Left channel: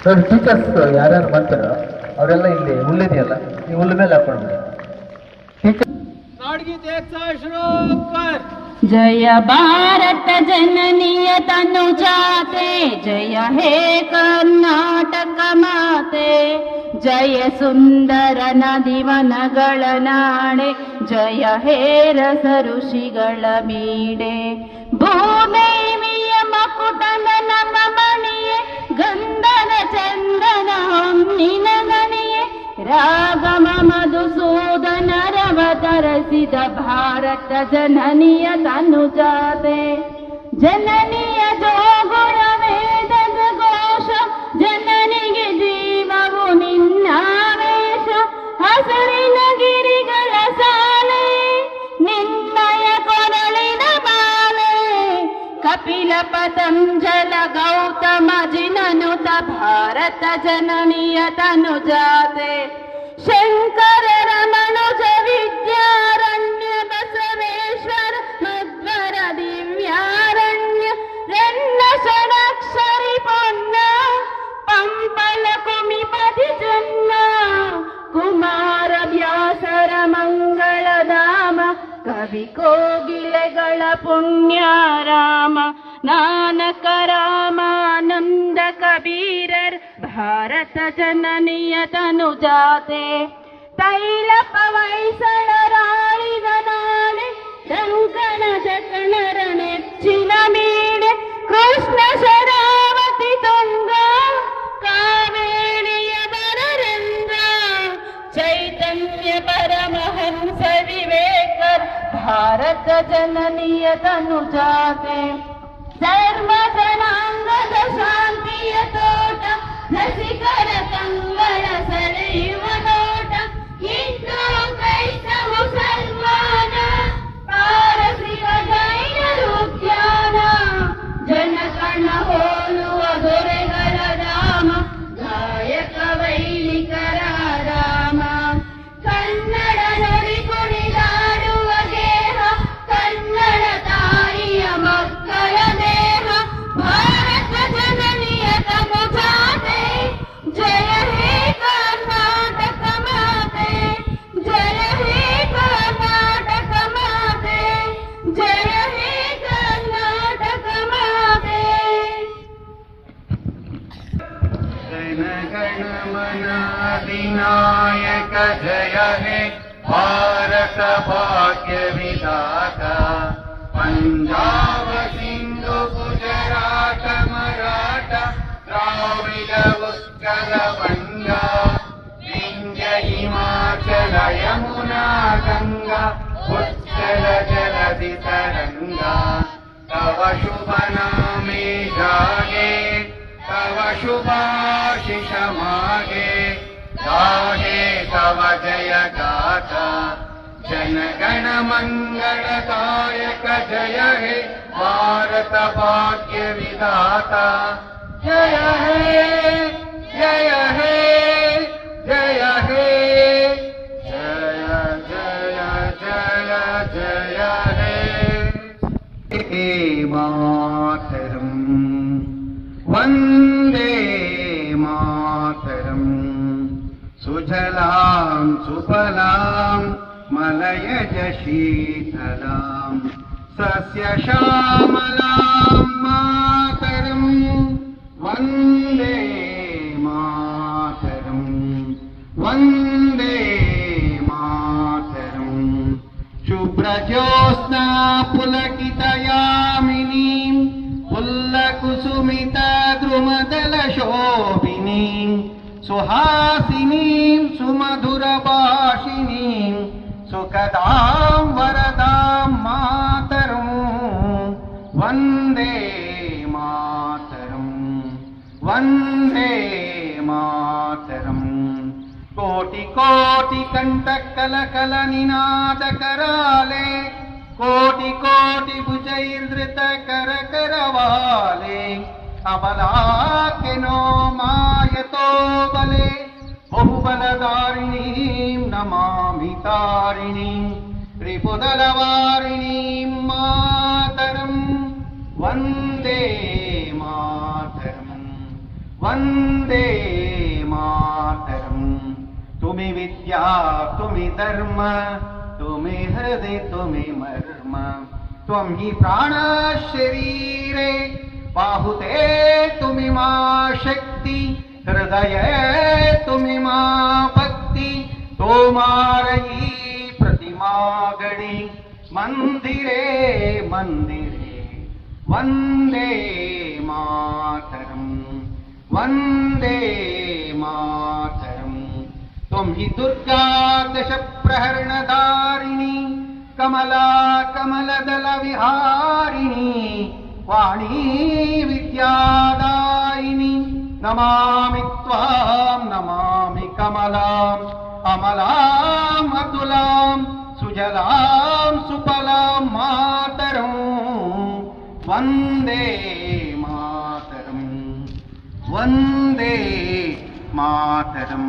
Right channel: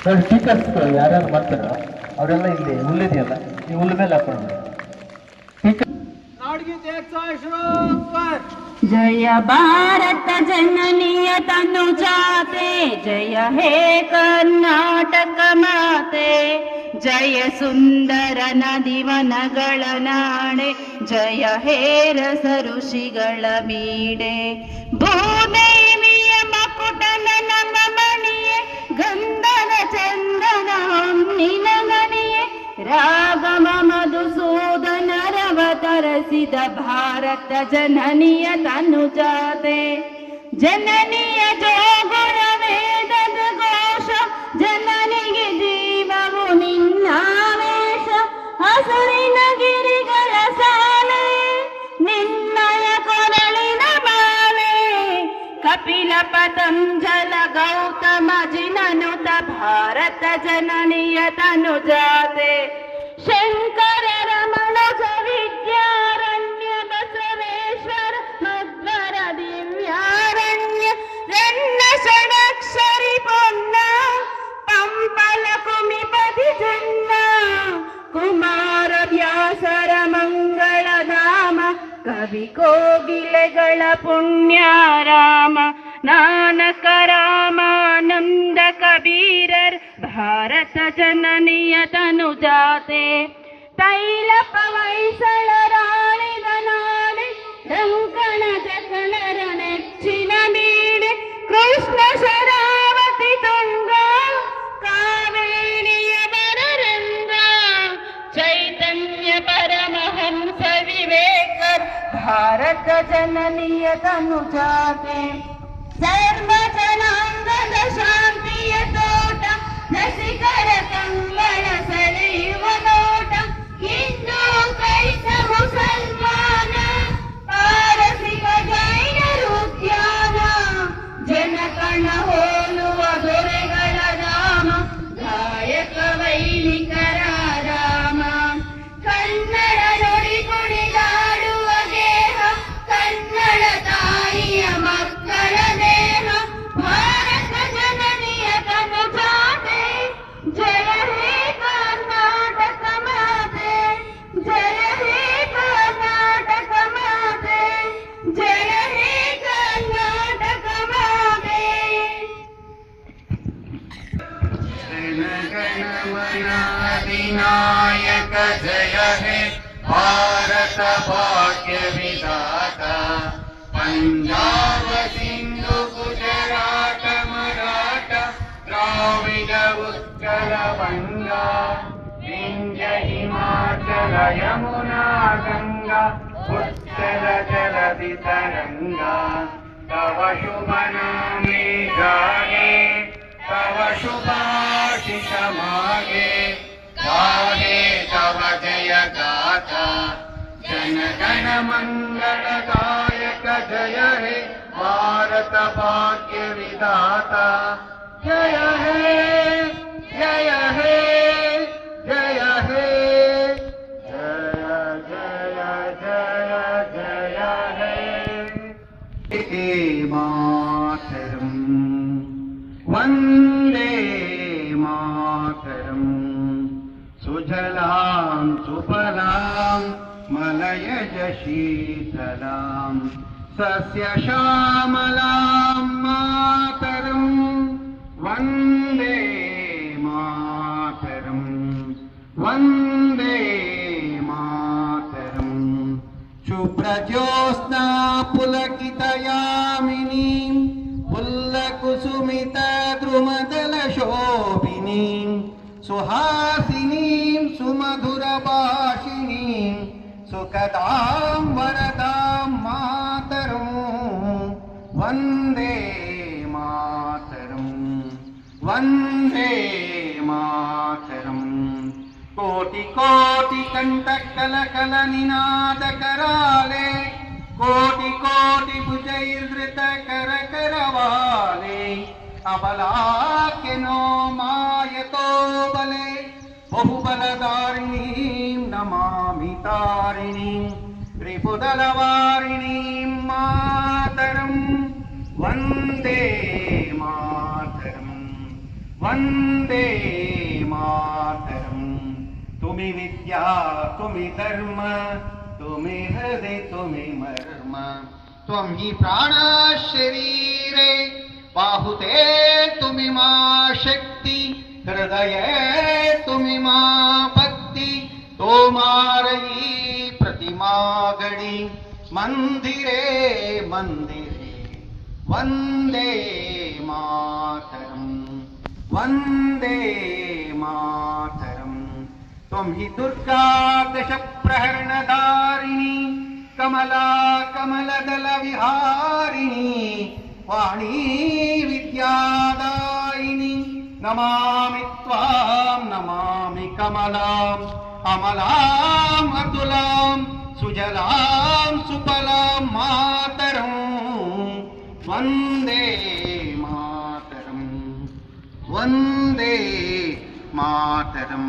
ನೋಡಿ ಟೀಚರ್ಸ್ ಯಾರ್ಯಾರು ಮಾಡ್ತಾರೋ ಅವರೆಲ್ಲ ಇಲ್ಲಿ ಹುಲ್ಲಿದೆಯಲ್ಲ ಈ ಹುಲ್ಲು ಮೇಲೆ ಹಾಕೊಂಡು जय भारत जननीय तनु जाते जय हे कर्नाटक माते जय सुंदर नदिवनಗಳ ನಾಡೆ जय हे रस ಋಷಿಗಳ ಮೀಡೆ ಭೂದೇವಿಯ ಮಕುಟನ ನಮ್ಮ ಮಣಿಯೇ ಗಂಧದ ಚಂದನ ಹೊನ್ನಿನ ಗಣಿಯೇ ರಾಗಮ ಮಧುಸೂದನರವತರಿಸಿದ ಭಾರತ ಜನನಿಯ ತನು ಜಾತೆ ಜನನಿಯ ಜೋಗುರ ವೇದದ ಘೋಷ ಜನನಿಗೆ ಜೀವವು ನಿನ್ನಾವೇಶ ಹಸರಿನ ಗಿರಿಗಳ ಸಾಲೆ ನಿನ್ನಯ ಕೊರಳಿನ ಮಾಲೆ ಕಪಿಲ ಪತಂಜಲ ಗೌತಮ ಜಿನನುತ ಭಾರತ ಜನನಿಯ ತನು ಜಾತೆ ಶಂಕರ ರಮಣಜ ವಿದ್ಯಾರಣ್ಯ ಬಸವೇಶ್ವರ ಮಧ್ವರ ದಿವ್ಯಾರಣ್ಯ ಎನ್ನ ಷಡಕ್ಷರಿ ಪೊನ್ನ ಪಂಪಲ ಕುಮಿಪತಿ ಜನ್ನ ಕುಮಾರ ವ್ಯಾಸರ ಮಂಗಳಧಾಮ ಕವಿ ಕೋಗಿಲೆಗಳ ಪುಣ್ಯಾರಾಮ ನಾನಕ ರಾಮಾನಂದ ಕಬೀರರ್ ಭಾರತ ಜನನಿಯ ತನು ಜಾತೆ ತೈಲ ಪವೈಸಳರಾಳಿದ ನಾಡೆ ಶಂಕನ ಜಕಣರ ನೆಚ್ಚಿನ ಮೀಡೆ ಕೃಷ್ಣ ಶರಾವತಿ ತುಂಗ ಕಾವೇರಿಯ ಬರರಂಗ ಚೈತನ್ಯ ಪರಮಹಂಸ ವಿವೇಕರ್ ಭಾರತ ಜನನಿಯ ತನು ಜಾತೆ ಸರ್ವ ಜನಾಂಗದ ಶಾಂತಿಯ ತೋಟ ನಸಿಕರ ಕಂಗಳ ಸೆಳೆಯುವ ನೋಟ ಹಿಂದೂ ಕ್ರೈಸ್ತ ಮುಸಲ್ಮಾನ ಪಾರಸಿಕ ಜೈನರು ಉದ್ಯಾನ ಜನಕಣ ಹೋಲುವ ದೊರೆಗಳ ಧಾಮ ಗಾಯಕ ವೈಲಿಕರ ರಾಮ ಕನ್ನಡ ನುಡಿ ಕುಣಿದಾಡುವ ಗೇಹ ಕನ್ನಡ ತಾಯಿಯ ಮಕ್ಕಳ ದೇಹ ಭಾರತ ಜನನಿಯ ತನು ಜಾತೆ ಜಯ ಹೇ ಕರ್ನಾಟಕ ಮಾತೆ ಜಯ ಹೇ ಕರ್ನಾಟಕ ಮಾತೆ ಜಯ ಹೇ ಕರ್ನಾಟಕ ಮಾತೆ ವಿನಾಯಕ ಜಯ ಹೇ ಭಾರತ ಭಾಗ್ಯ ವಿಧಾತ ಪಂಜಾಬ ಸಿಂಧು ಗುಜರಾಟ ಮರಾಠ ದ್ರಾವಿಡ ಉತ್ಕಲ ಬಂಗ ವಿಂಧ್ಯ ಹಿಮಾಚಲ ಯಮುನಾ ಗಂಗಾ ಉಚ್ಚಲ ಜಲಧಿ ತರಂಗ ತವ ಶುಭ ನಾಮೇ ಗಾಯೇ तव शुभाशिष मागे गाहे तव जय गाथा जन गण मंगल दायक जय हे भारत भाग्य विधाता जय हे जय हे जय हे जय जय जय जय हे मातरम् वन्दे मातरम् सुजलां सुफलां मलयज शीतलां सस्यश्यामलां मातरम् वन्दे मातरम् वन्दे मातरम् शुभ्रज्योत्स्ना पुलकितयामिनीं पुल्लकुसुमिता द्रुमदलशोभिनीं सुहासिनीं सुमधुरभाषिणीं सुखदां वरदां मातरम् वन्दे मातरम् वन्दे मातरम् कोटि कोटि कण्ठकलकल निनाद कराले कोटि कोटि भुजैर्धृत कर करवाले अबलाख्यनो मायतो बले बहुबलधारिणीं नमामि तारिणीं त्रिपुदलवारिणीं मातरम् वन्दे मातरम् ವಂದೇ ಮಾತರಂ. ತುಮಿ ವಿದ್ಯಾ ತುಮಿ ಧರ್ಮ ತುಮಿ ಹೃದಯ ತುಮಿ ಮರ್ಮ. ತ್ವಂ ಹಿ ಪ್ರಾಣ ಶರೀರೆ ಬಾಹುತೆ ತುಮಿ ಮಾ ಶಕ್ತಿ. ಹೃದಯ ತುಮಿ ಮಾ ಭಕ್ತಿ. ತೋಮಾರಯಿ ಪ್ರತಿಮಾ ಗಣಿ. ಮಂದಿರೇ ಮಂದಿರೇ ವಂದೇ ಮಾತರಂ. ವಂದೇ ಮಾತರಂ. ತ್ವಂ ಹಿ ದುರ್ಗಾ ದಶ ಪ್ರಹರಣಧಾರಿಣಿ. ಕಮಲಾ ಕಮಲದಲ ವಿಹಾರಿಣಿ. ವಾಣೀ ವಿದ್ಯಾದಾಯಿನಿ. ನಮಾಮಿ ತ್ವಾಂ ನಮಾಮಿ ಕಮಲಾಂ. ಅಮಲಾಂ ಅತುಲಾಂ ಸುಜಲಾಂ ಸುಫಲಾಂ ಮಾತರಂ. ವಂದೇ ಮಾತರಂ. ವಂದೇ ಮಾತರಂ.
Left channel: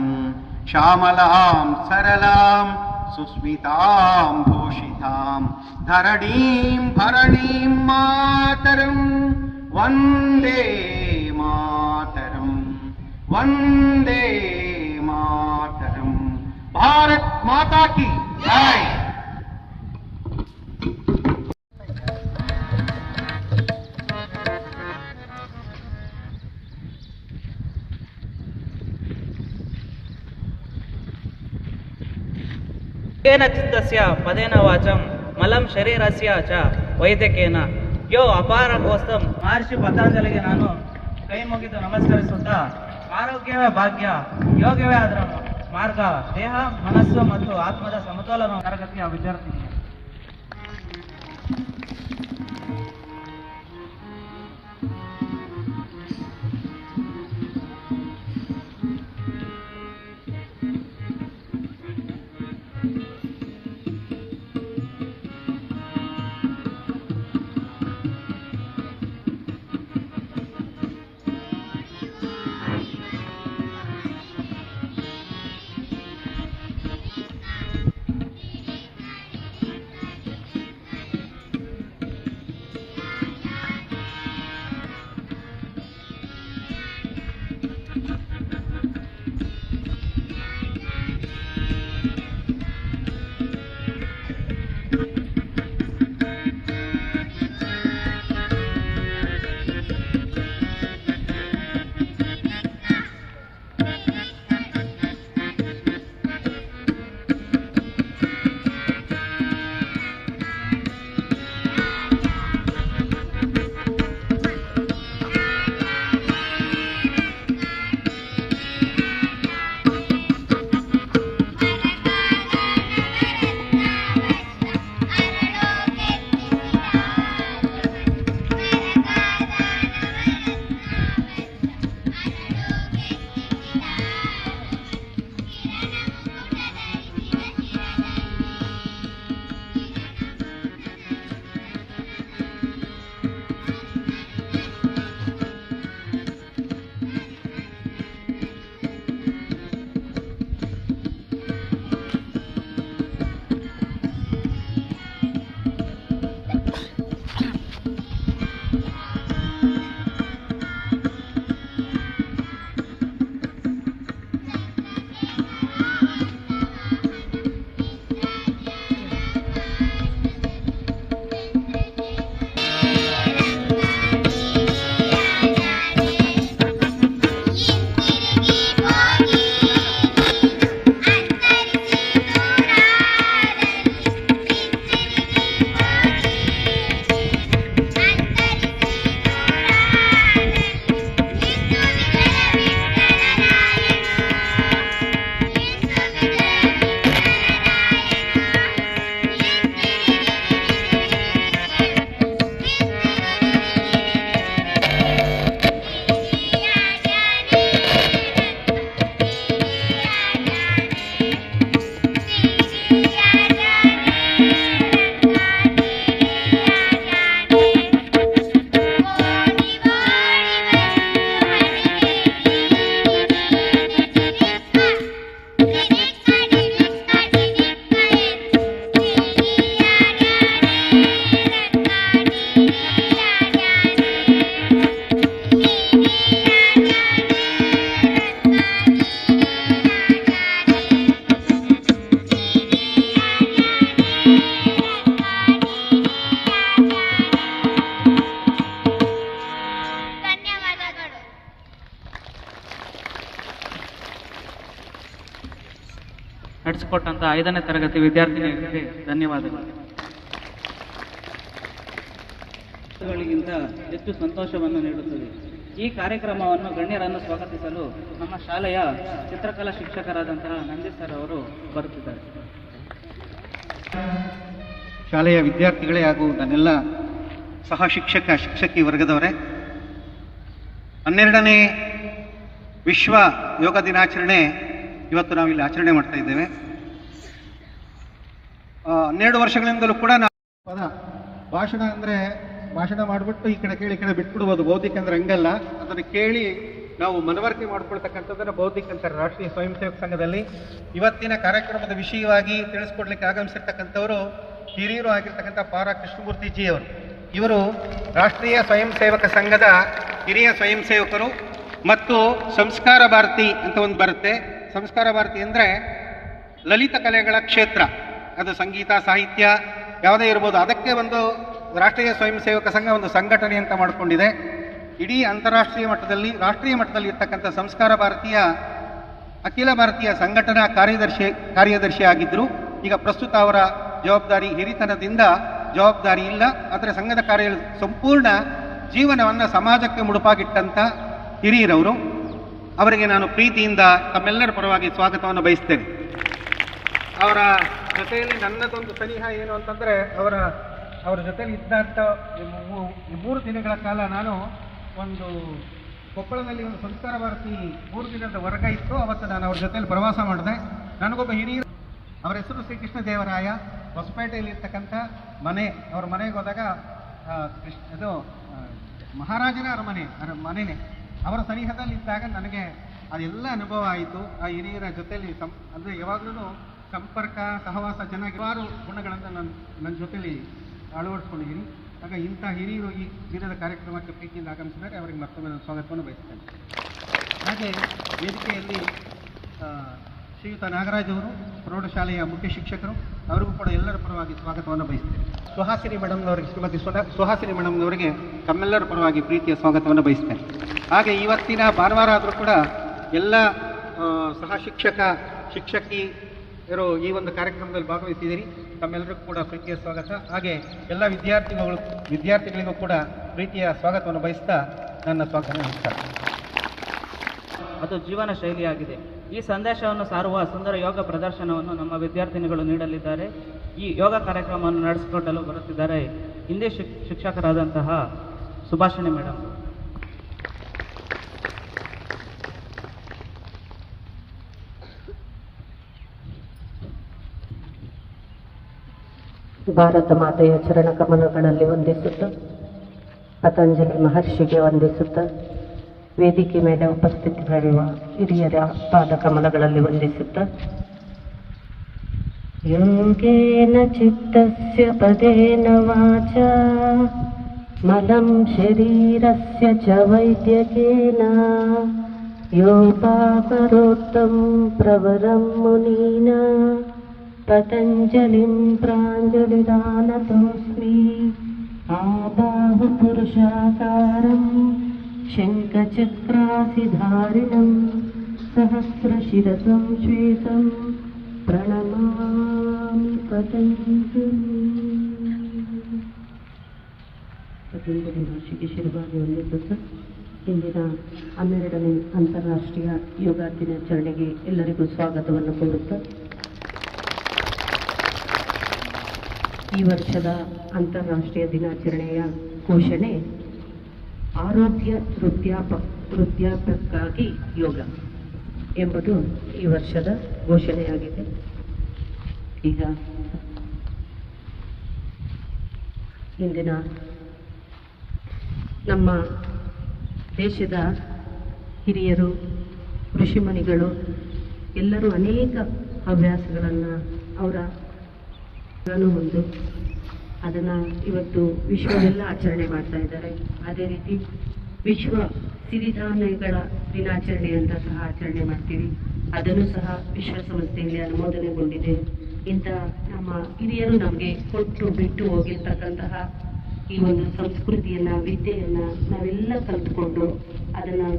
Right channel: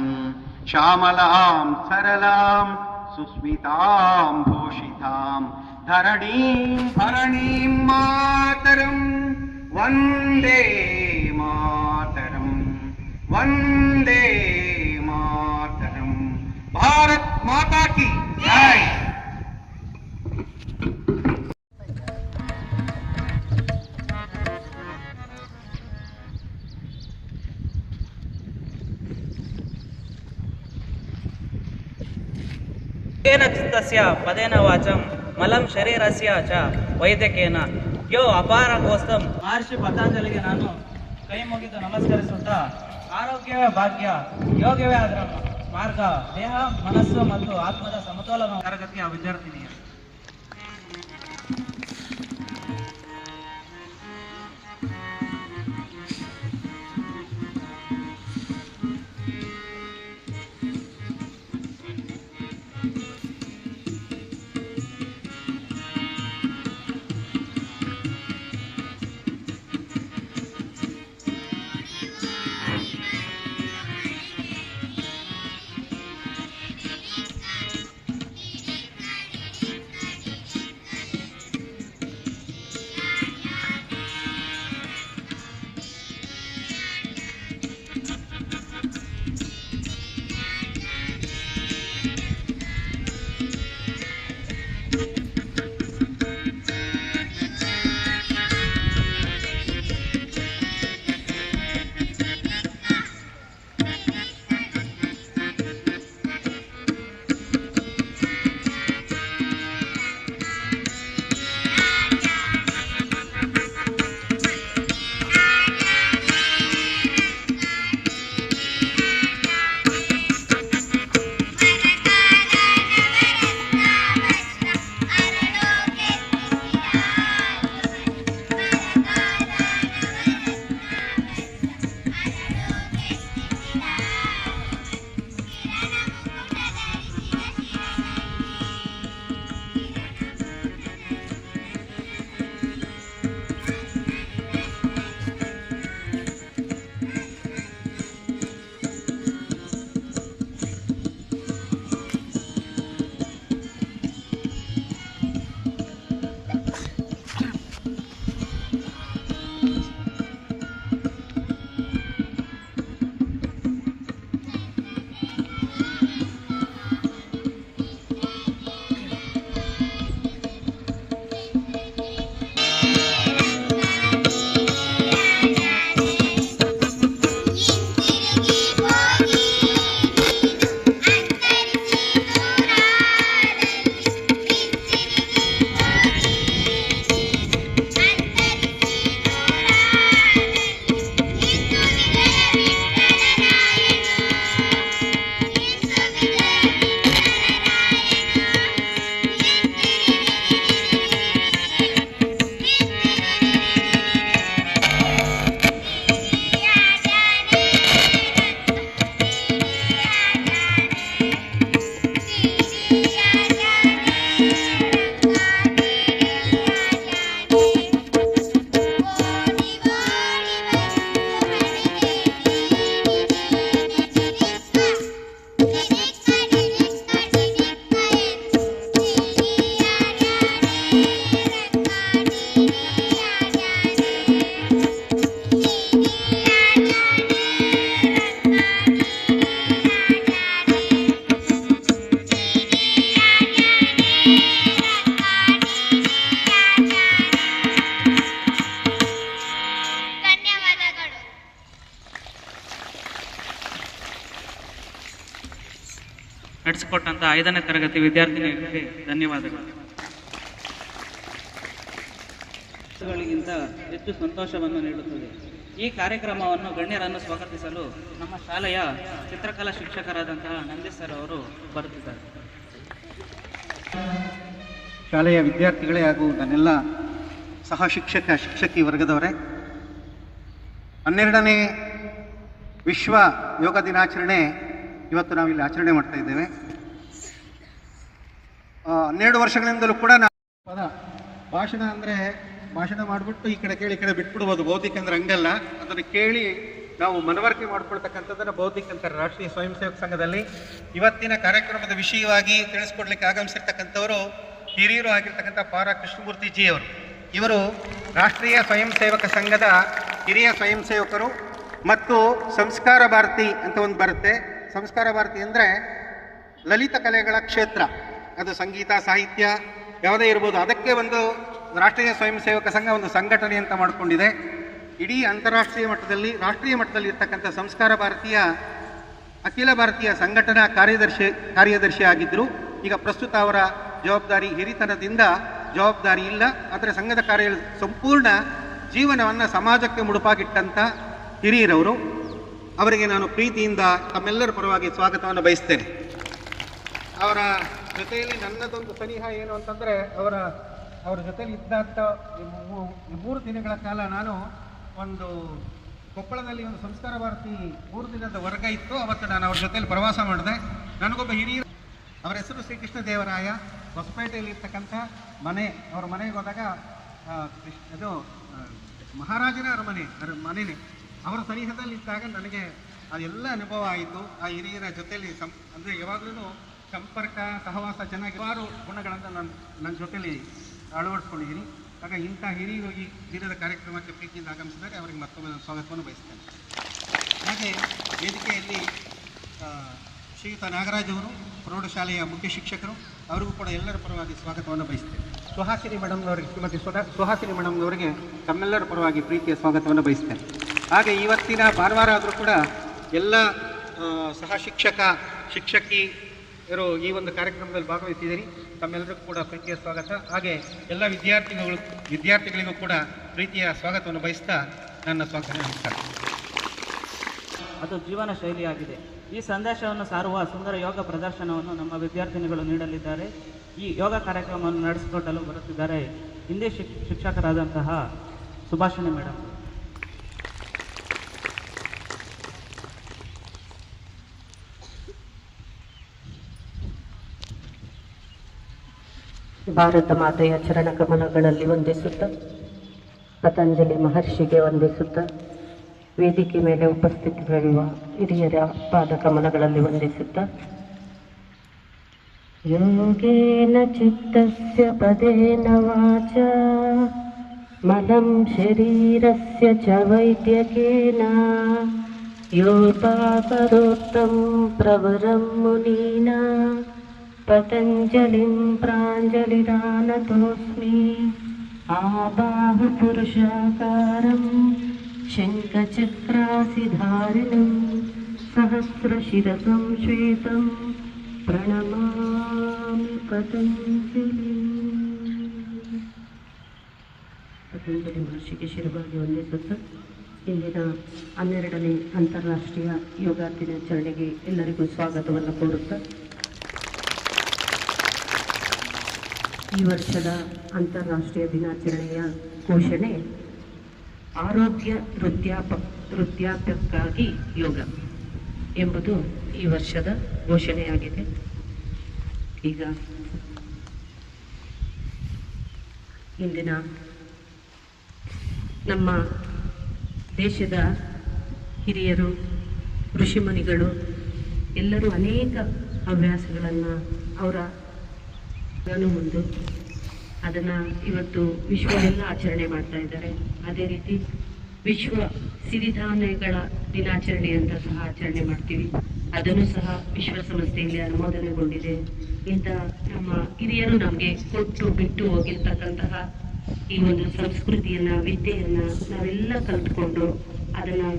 ಶ್ಯಾಮಲಾಂ ಸರಳಾಂ ಸುಸ್ಮಿತಾಂ ಭೂಷಿತಾಂ ಧರಣೀಂ ಭರಣೀಂ ಮಾತರಂ. ವಂದೇ ಮಾತರಂ. ವಂದೇ ಮಾತರಂ. ಭಾರತ್ ಮಾತಾ ಕಿ ಜೈ. येन चित्तस्य पदेन वाचं मलं शरीरस्य च ವೈದ್ಯಕೇನ. ಯೋ ಅಪಾರ ಗೋಸ್ತಂ. ಮಹರ್ಷಿ ಪತಂಜಲಿಗೆ ನಾನು ಕೈ ಮುಗಿದು ನಮಸ್ಕರಿಸುತ್ತಾ, ಆರೋಗ್ಯವೇ ಭಾಗ್ಯ, ಯೋಗವೇ ಅದರ ಮಾರ್ಗ, ದೇಹ ಮನಸ್ಸು ಮತ್ತು ಆತ್ಮದ ಸಮತೋಲನ ತರಗತಿಯ ವಿದ್ಯಾರ್ಥಿನಿ. ನಡೆಸಿಕೊಟ್ಟಂತ 5ನೇ ತರಗತಿ ವಿದ್ಯಾರ್ಥಿನಿಗಳಿಗೆ ಧನ್ಯವಾದಗಳು. ಗಳಿಗಿಂತ ಹೆಚ್ಚು ಸಂತೋಷವನ್ನು ನೀಡುತ್ತದೆ. ಈ ಕಾರ್ಯಕ್ರಮವನ್ನು ಗಣ್ಯರನ್ನು ಸ್ವಾಗತಿಸಲು ನಮ್ಮ ಶಾಲೆಯ ಚಿತ್ರಕಲಾ ಶಿಕ್ಷಕರಾದಂತಹ ನಂದೀಶ್ ಸರ್ ಅವರು ಬರುತ್ತಿದ್ದಾರೆ. ಶಾಲೆಯ ವಿದ್ಯಾರ್ಥಿಗಳೇ ಹಾಗೂ ನನ್ನೆಲ್ಲ ಸಹ ಶಿಕ್ಷಕಿ ವರ್ಗದವರೇ, 12ನೇ ವಿಶ್ವ ಯೋಗ ದಿನಾಚರಣೆ ಇವತ್ತು ನಾವಿಲ್ಲಿ ಆಚರಣೆ ಮಾಡ್ತಾ ಇದ್ದೇವೆ. 12 ವರ್ಷಗಳಿಂದಲೂ ಕೂಡ ಭಾಷಣ ಅಂದರೆ ಭಾಷಣ ಮಾಡಿಬಿಟ್ಟು ಈ ಕಡೆ ಕೇಳಿ ಈ ಕಡೆ ಬಿಟ್ಬಿಡ್ಬೋದು. ಬೌದ್ಧಿಕ ಅಂದ್ರೆ ಹಂಗಲ್ಲ, ಅದನ್ನು ಕೇಳಿ ನಾವು ಮನವರಿಕೆ ಮಾಡ್ಕೊಳ್ತಕ್ಕಂಥದ್ದನ್ನು ಬೌದ್ಧಿಕ ಅಂತಾರೆ ರಾಷ್ಟ್ರೀಯ ಸ್ವಯಂ ಸೇವಕ ಸಂಘದಲ್ಲಿ. ಇವತ್ತಿನ ಕಾರ್ಯಕ್ರಮದ ವಿಷಯವಾಗಿ ತಿಳಿಸ್ಕೊಡ್ಲಿಕ್ಕೆ ಆಗಮಿಸಿರ್ತಕ್ಕಂಥವರು ಹಿರಿಯರು ಆಗಿರ್ತಕ್ಕಂಥ ಪಾರ ಕೃಷ್ಣಮೂರ್ತಿಜಿಯವರು. ಇವರು ರಾಷ್ಟ್ರೀಯ ಸ್ವಯಂ ಸೇವಕ ಸಂಘದ ಹಿರಿಯ ಸ್ವಯಂ ಸೇವಕರು ಮತ್ತು ಸಂಸ್ಕಾರ ಭಾರತಿ ಅಂತ ಒಂದು ಬರುತ್ತೆ. ಸಂಸ್ಕಾರ ಭಾರತಿ ಅಂದರೆ ಲಲಿತ ಕಲೆಗಳ ಕ್ಷೇತ್ರ, ಅದು ಸಂಗೀತ ಸಾಹಿತ್ಯ ಯಾವುದೇ ಇರ್ಬೋದು. ಅದಕ್ಕೆ ಒಂದು ರಾಷ್ಟ್ರೀಯ ಸ್ವಯಂ ಸೇವಕ ಸಂಘ ಒಂದು ಸಂಘಟನೆ ಅಂತ ಮಾಡಿಕೊಂಡಿದೆ. ಇಡೀ ಅಂತಾರಾಷ್ಟ್ರೀಯ ಮಟ್ಟದಲ್ಲಿ ರಾಷ್ಟ್ರೀಯ ಮಟ್ಟದಲ್ಲಿ ಇರ್ತಕ್ಕಂಥ ಸಂಸ್ಕಾರ ಭಾರತೀಯ ಅಖಿಲ ಭಾರತೀಯ ಸಂಘಟನಾ ಕಾರ್ಯದರ್ಶಿ ಆಗಿದ್ದರು. ಈಗ ಪ್ರಸ್ತುತ ಅವರ ಜವಾಬ್ದಾರಿ ಹಿರಿತನದಿಂದ ಜವಾಬ್ದಾರಿ ಇಲ್ಲ, ಆದರೆ ಸಂಘದ ಕಾರ್ಯ ಸಂಪೂರ್ಣ ಜೀವನವನ್ನು ಸಮಾಜಕ್ಕೆ ಮುಡುಪಾಗಿಟ್ಟಂಥ ಹಿರಿಯರವರು. ಅವರಿಗೆ ನಾನು ಪ್ರೀತಿಯಿಂದ ತಮ್ಮೆಲ್ಲರ ಪರವಾಗಿ ಸ್ವಾಗತವನ್ನು ಬಯಸ್ತೇನೆ. ಅವರ ಜೊತೆಯಲ್ಲಿ ನನ್ನದೊಂದು ಸನಿಹ ಏನು ಅಂತಂದರೆ, ಅವರ ಜೊತೆಯಲ್ಲಿ ಇದ್ದಂಥ 3 ದಿನಗಳ ಕಾಲ ನಾನು ಒಂದು ಕೊಪ್ಪಳದಲ್ಲಿ ಒಂದು ಸಂಸ್ಕಾರ ಭಾರತಿ 3 ದಿನದ ವರ್ಗ ಇತ್ತು. ಅವತ್ತು ನಾನು ಅವ್ರ ಜೊತೆಯಲ್ಲಿ ಪ್ರವಾಸ ಮಾಡಿದೆ. ನನಗೊಬ್ಬ ಹಿರಿಯ, ಅವರ ಹೆಸರು ಶ್ರೀಕೃಷ್ಣ ದೇವರಾಯ, ಹೊಸಪೇಟೆಯಲ್ಲಿ ಇರ್ತಕ್ಕಂಥ ಮನೆ. ಅವ್ರ ಮನೆಗೆ ಹೋದಾಗ ಇದು ಮಹಾರಾಜನ ಮನೆಯೇ. ಅವರ ಸನಿಹದಲ್ಲಿ ಇದ್ದಾಗ ನನಗೆ ಅದೆಲ್ಲ ಅನುಭವ ಆಯಿತು. ಆ ಹಿರಿಯರ ಜೊತೆಯಲ್ಲಿ ಅಂದರೆ ಯಾವಾಗಲೂ ಸಂಪರ್ಕ ಸಹವಾಸ ಚೆನ್ನಾಗಿ ಹಲವಾರು ಗುಣಗಳನ್ನು ನನ್ನ ಜೊತೆಯಲ್ಲಿ ಅಳವಡಿಸ್ಕೊಂಡಿದ್ದೀನಿ. ಆಗ ಇಂಥ ಹಿರಿಯರು ಈ ದಿನದ ಕಾರ್ಯಕ್ರಮಕ್ಕೆ ಪ್ರೀತಿಯಿಂದ ಆಗಮಿಸಿದರೆ ಅವರಿಗೆ ಮತ್ತೊಮ್ಮೆ ಸ್ವಾಗತವನ್ನು ಬಯಸ್ತೇನೆ. ಹಾಗೆ ವೇದಿಕೆಯಲ್ಲಿ ಶ್ರೀಯುತ ನಾಗರಾಜ್ ಅವರು ಪ್ರೌಢಶಾಲೆಯ ಮುಖ್ಯ ಶಿಕ್ಷಕರು, ಅವರಿಗೂ ಕೂಡ ಎಲ್ಲರ ಪರವಾಗಿ ಸ್ವಾಗತವನ್ನು ಬಯಸ್ತೇನೆ. ಸುಹಾಸಿನಿ ಮೇಡಮ್ನವರಿಗೆ, ಶ್ರೀಮತಿ ಸುಹಾಸಿನಿ ಮೇಡಮ್ನವರಿಗೆ ತಮ್ಮೆಲ್ಲರ ಪರವಾಗಿ ಪ್ರೀತಿಯ ಸ್ವಾಗತವನ್ನು ಬಯಸ್ತೇನೆ. ಹಾಗೆ ಇವತ್ತಿನ ಭಾನುವಾರ ಆದರೂ ಕೂಡ ಎಲ್ಲ ಸಹ ಶಿಕ್ಷಕಿಯರು ಈ ಒಂದು ಕಾರ್ಯಕ್ರಮದಲ್ಲಿ ಭಾಗವಹಿಸಿದ್ದೀರಿ. ತಮ್ಮೆಲ್ಲರಿಗೂ ಕೂಡ ಪ್ರೀತಿಯ ಸ್ವಾಗತ. ಹಾಗೆ ಎಲ್ಲ ವಿದ್ಯಾರ್ಥಿಗಳಿಗೂ ಕೂಡ ಪ್ರೀತಿಯ ಸ್ವಾಗತವನ್ನು ಬಯಸ್ತಾ ನನ್ನ ಸ್ವಾಗತ ನಮಸ್ಕಾರ. ಅದು ಜೀವನ ಶೈಲಿಯಾಗಿದೆ. ಈ ಸಂದೇಶವನ್ನು ಸಾರುವ ಸುಂದರ ಯೋಗ ಪ್ರದರ್ಶನವನ್ನು ನಮ್ಮ ವಿದ್ಯಾರ್ಥಿನಿಗಳು ನೀಡಲಿದ್ದಾರೆ. ಈ ಯೋಗ ಕಾರ್ಯಕ್ರಮವನ್ನು ನಡೆಸಿಕೊಡಲು ಬರುತ್ತಿದ್ದಾರೆ ಹಿಂದಿ ಶಿಕ್ಷಕರಾದಂತಹ ಸುಭಾಷಿಣಿ ಮೇಡಮ್. ಭಾರತ ಮಾತೆಯ ಚರಣ ಕಮಲಗಳಲ್ಲಿ ವಂದಿಸುತ್ತ, ಪತಂಜಲಿ ಮಹರ್ಷಿಗೆ ವಂದಿಸುತ್ತ, ವೇದಿಕೆ ಮೇಲೆ ಉಪಸ್ಥಿತರಿರುವ ಹಿರಿಯರ ಪಾದ ಕಮಲಗಳಲ್ಲಿ ವಂದಿಸುತ್ತ, ಯೋಗೇನ ಚಿತ್ತಸ್ಯ ಪದೇನ ವಾಚ ಮಲಂ ಶರೀರಸ್ಯ ಚ ವೈದ್ಯಕೇನ ಯೋಗಾಕರೋತ್ತಂ ಪ್ರವರಂ ಮುನೀನಾ ಪತಂಜಲಿಂ ಪ್ರಾಂಜಲಿರಾನತೋಸ್ಮಿ ಆಬಾಹು ಪುರುಷಾಕಾರಂ ಶಂಖಚಕ್ರಾಸಿಧಾರಿಣಂ ಸಹಸ್ರಶಿರಸಂ ಶ್ವೇತಂ ಪ್ರಣಮಾಮಿ ಪತಂಜಲಿ. ಪತಂಜಲಿ ಮಹರ್ಷಿಗೆ ಶಿರವಾಗಿ ವಂದಿಸುತ್ತ ಇಂದಿನ 12ನೇ ಅಂತಾರಾಷ್ಟ್ರೀಯ ಯೋಗ ದಿನಾಚರಣೆಗೆ ಎಲ್ಲರಿಗೂ ಸ್ವಾಗತವನ್ನು ಕೋರುತ್ತಾ, ಈ ವರ್ಷದ ಅಂತಾರಾಷ್ಟ್ರೀಯ ದಿನಾಚರಣೆಯ ಘೋಷಣೆ ಆರೋಗ್ಯ ವೃದ್ಧಾಪ್ಯಕ್ಕಾಗಿ ಯೋಗ ಎಂಬುದು ಈ ವರ್ಷದ ಘೋಷಣೆಯಾಗಿದೆ. ಈಗ ಇಂದಿನ ನಮ್ಮ ದೇಶದ ಹಿರಿಯರು, ಋಷಿಮುನಿಗಳು ಎಲ್ಲರೂ ಅನೇಕ ಹವ್ಯಾಸಗಳನ್ನು ಅವರ ಒಂದು ಅದನ್ನು ಇವತ್ತು ವಿಶ್ವವೆಲ್ಲ ಆಚರಣೆ ಮಾಡ್ತಾ ಇದ್ದಾರೆ. ಅದೇ ರೀತಿ ವಿಶ್ವ ಸಿರಿಧಾನ್ಯಗಳ ದಿನಾಚರಣೆ ಅಂತ ಸಹ ಆಚರಣೆ ಮಾಡ್ತೀವಿ. ಅದನ್ನು ಸಹ ವಿಶ್ವಸಂಸ್ಥೆಯಲ್ಲಿ ಅನುಮೋದನೆಗೊಂಡಿದೆ. ಇಂಥ ನಮ್ಮ ಹಿರಿಯರು ನಮಗೆ ಕೊಟ್ಟು ಬಿಟ್ಟು ಹೋಗಿರ್ತಕ್ಕಂತಹ ಈ ಒಂದು ಸಂಸ್ಕೃತಿಯನ್ನು, ವಿದ್ಯೆಯನ್ನು ನಾವೆಲ್ಲ ಕಲ್ತ್ಕೊಂಡು ಅದನ್ನು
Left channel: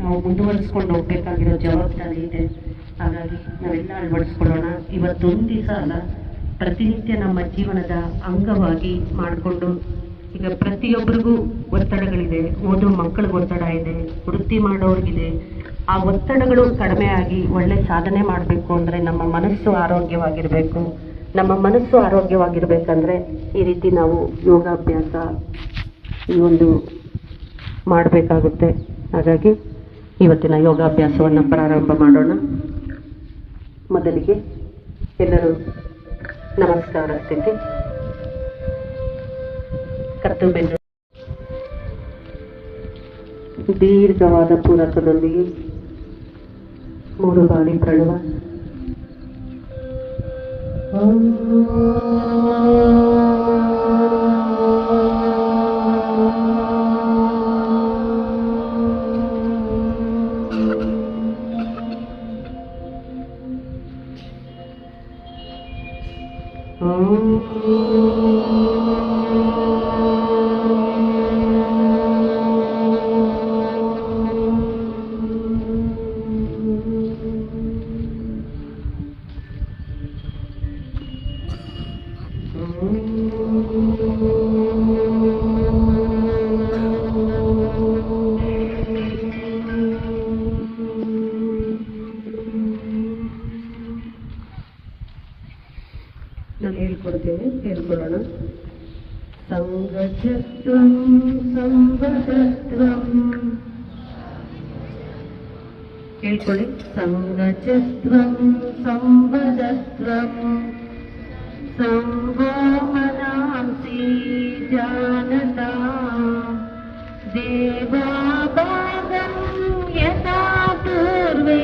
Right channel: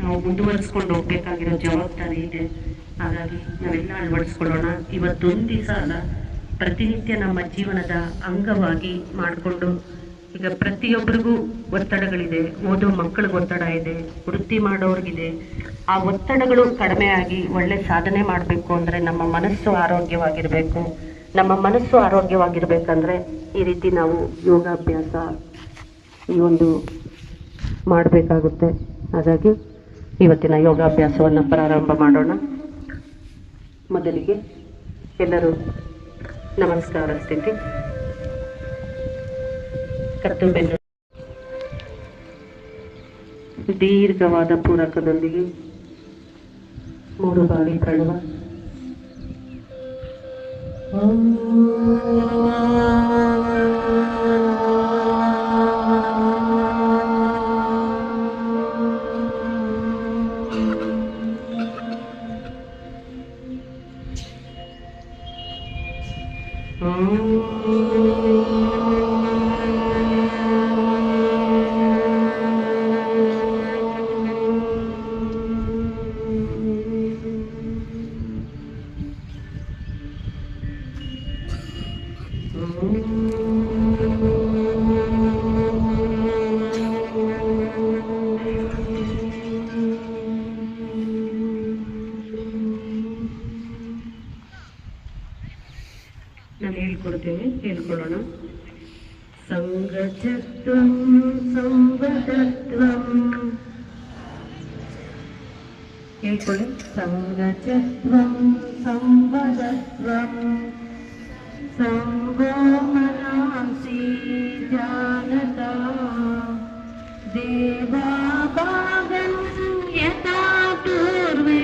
ನಾವು ಮುಂದುವರಿಸ್ಕೊಂಡು ಹೋಗ್ಬೇಕಾಗಿರೋ ಜವಾಬ್ದಾರಿ ಇದೆ. ಹಾಗಾಗಿ ನಾವೆಲ್ಲ ಅಳವಡಿಸ್ಕೊಳ್ಳೋಣ. ಇವತ್ತೊಂದು ದಿವಸ ಅಲ್ಲ, ಪ್ರತಿನಿತ್ಯ ನಮ್ಮ ಜೀವನದ ಅಂಗವಾಗಿ ಮಾಡಿಕೊಂಡು, ಈಗ ಪ್ರತಿಯೊಬ್ಬರಿಗೂ ಒತ್ತಡಗಳಿದೆ, ಓದೋ ಮಕ್ಕಳಿಗೆ ಒತ್ತಡ ಇದೆ, ವೃತ್ತಿ ಮಾಡೋರಿಗಿದೆ. ಆ ಒತ್ತಡಗಳು ಕಡಿಮೆ ಆಗಿ ಒಳ್ಳೆ ಸಾಧನೆ ಮಾಡಬೇಕು ಅಂದರೆ ನಮ್ಮ ಮನಸ್ಸು ಆರೋಗ್ಯವಾಗಿರಬೇಕು. ನಮ್ಮ ಮನಸ್ಸು ಆರೋಗ್ಯವಾಗಿರ್ಬೇಕಂದ್ರೆ ಈ ರೀತಿ ನಾವು ಯೋಗಾಭ್ಯಾಸ ಈ ಒಂದು ಮಾಡಬೇಕಾಗುತ್ತೆ. ಹಾಗಾಗಿ ಇವತ್ತಿನ ಯೋಗಾಭ್ಯಾಸವನ್ನು ಪ್ರಾರಂಭ ಮಾಡೋಣ. ಮೊದಲಿಗೆ ಎಲ್ಲರೂ ನಮಸ್ಕಾರ ಸ್ಥಿತಿ, ಕರ್ತವ್ಯ ದೀರ್ಘವಾದ ಪೂರಕದೊಂದಿಗೆ 3 ಬಾರಿ ಪ್ರಣವ. ನಾನು ಹೇಳ್ಕೊಡ್ತೇನೆ, ಹೇಳ್ಕೊಳ್ಳೋಣ. ಸಂಗಜತ್ವಂ ಸಂವದತ್ವಂ, ಹೇಳ್ಕೊಳ್ಳಿ. ಸಂಗಜತ್ವಂ ಸಂವದತ್ವಂ ಸಂಗೋ ಮನಾಂಸಿ ಜಾನತಾ ದೇವಾಭಾಗಂ ಯಥಾ ಪೂರ್ವೇ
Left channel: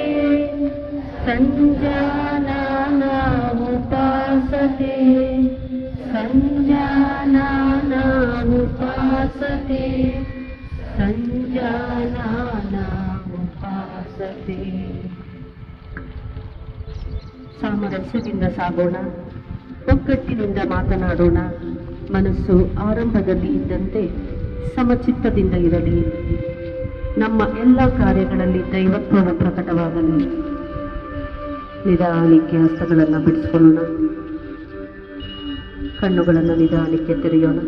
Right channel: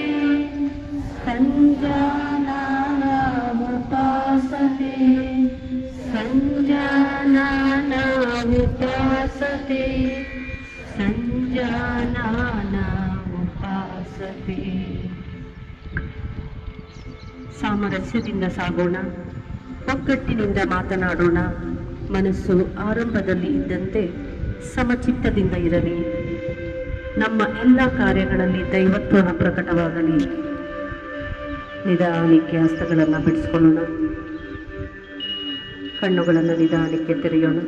ಸಂಜಾನಾನ ಉಪಾಸತೆ ಸಂಜಾನಾನ ಉಪಾಸತೆ ಸಂಜಾನಾನ ಉಪಾಸತೆ. ಸಾಮರಸ್ಯದಿಂದ ಸಾಗೋಣ, ಒಗ್ಗಟ್ಟಿನಿಂದ ಮಾತನಾಡೋಣ. ಮನಸ್ಸು ಆರಂಭದಲ್ಲಿ ಇದ್ದಂತೆ ಸಮಚಿತ್ತದಿಂದ ಇರಲಿ. ನಮ್ಮ ಎಲ್ಲ ಕಾರ್ಯಗಳಲ್ಲಿ ದೈವತ್ವವು ಪ್ರಕಟವಾಗಲಿ. ನಿಧಾನಕ್ಕೆ ಹಸ್ತಗಳನ್ನು ಬಿಡಿಸ್ಕೊಳ್ಳೋಣ. ಕಣ್ಣುಗಳನ್ನು ನಿಧಾನಕ್ಕೆ ತೆರೆಯೋಣ.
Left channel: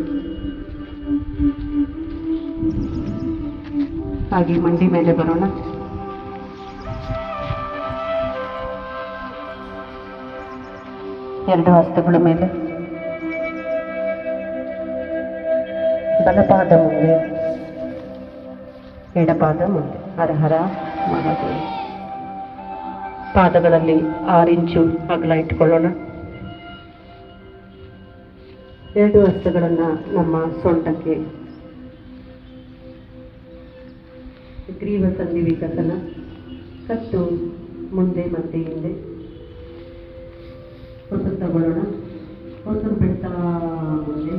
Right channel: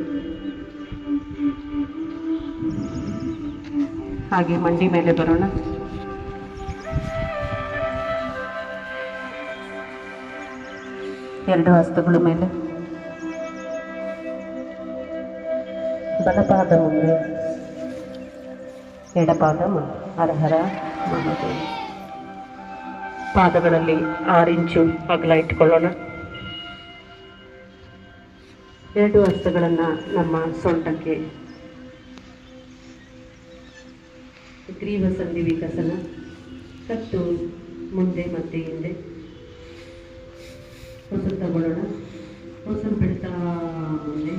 ಹಾಗೆ ಮಂಡಿ ಮೇಲೆ ಬರೋಣ. ಎರಡು ಹಸ್ತಗಳ ಮೇಲೆ, ಬಲಪಾದ ಮುಂದೆ, ಎಡಪಾದ ಮುಂದೆ. ಹರ ಹರ ಮಹಾದೇವ. ಪಾದಗಳಲ್ಲಿ 6 ಇಂಚು ಅಗಲ ಇಟ್ಕೊಳ್ಳೋಣ. 2 ಹಸ್ತಗಳನ್ನು ನಮ್ಮ ಸೊಂಟಕ್ಕೆ, ಗ್ರೀವ ಸಂಧಿ ವಿಕಸನ, ಕಟ್ಟು ಮುಂದೆ ಮತ್ತೆ ಹಿಂದೆ. ಉಸಿರು ತಗೊಳ್ಳೋಣ. ಉಸಿರು ಬಿಡ್ತಾ ಮುಂದೆ,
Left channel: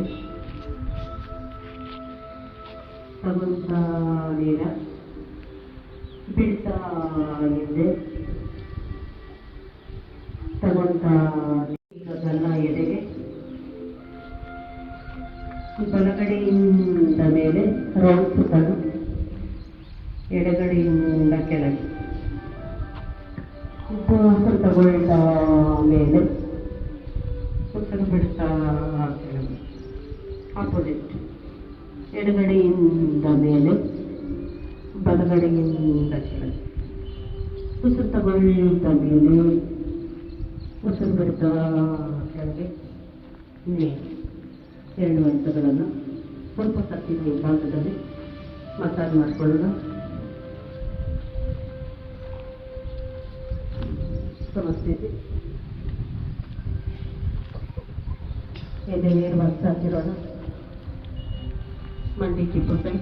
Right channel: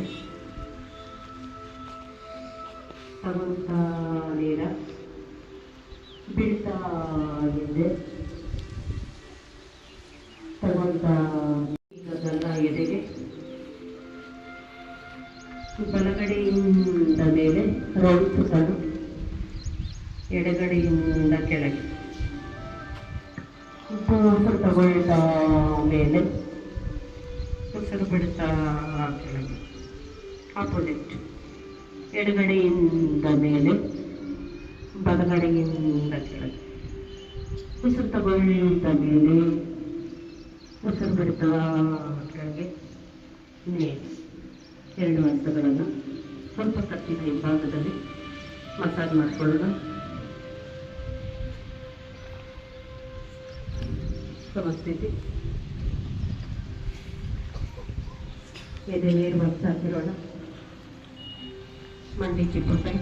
ತಗೊಂತ ನೇರ, ಬಿಡ್ತಾ ಹಿಂದೆ, ತಗೊಂತ ಎದೆಗೆ, ಬಲಗಡೆಯಿಂದ ಮೇಲೆ ರೌಂಡ್ ಸುತ್ತಲು, ಎಡಗಡೆಯಿಂದ ಕೆಳಗೆ. ಉಸಿರು ತಗೊಳ್ತಾ ಮೇಲೆ, ಉಸಿರು ಬಿಡ್ತಾ ಕೆಳಗೆ. ಆಪೋಸಿಟ್, ಎಡಗಡೆಯಿಂದ ಮೇಲೆ, ಬಲಗಡೆಯಿಂದ ಕೆಳಗೆ. ಉಸಿರು ತಗೊಳ್ತಾ ಮೇಲೆ, ಉಸಿರು ಬಿಡ್ತಾ ಕೆಳಗೆ ಮೇಲೆ. 2 ಹಸ್ತಗಳನ್ನು ಸ್ವಲ್ಪ ಕತ್ತಿನ ವಿಭಾಗದಲ್ಲಿ ಮಸಾಜ್ ಮಾಡಿಕೊಳ್ಳೋಣ. ಸಮಸ್ಥಿತಿ. ಎದೆ ನೇರ ಹಾಕಿರೋಣ. ಮಂಡಿ ಚಿಪ್ಪುಟ್ಟೆ,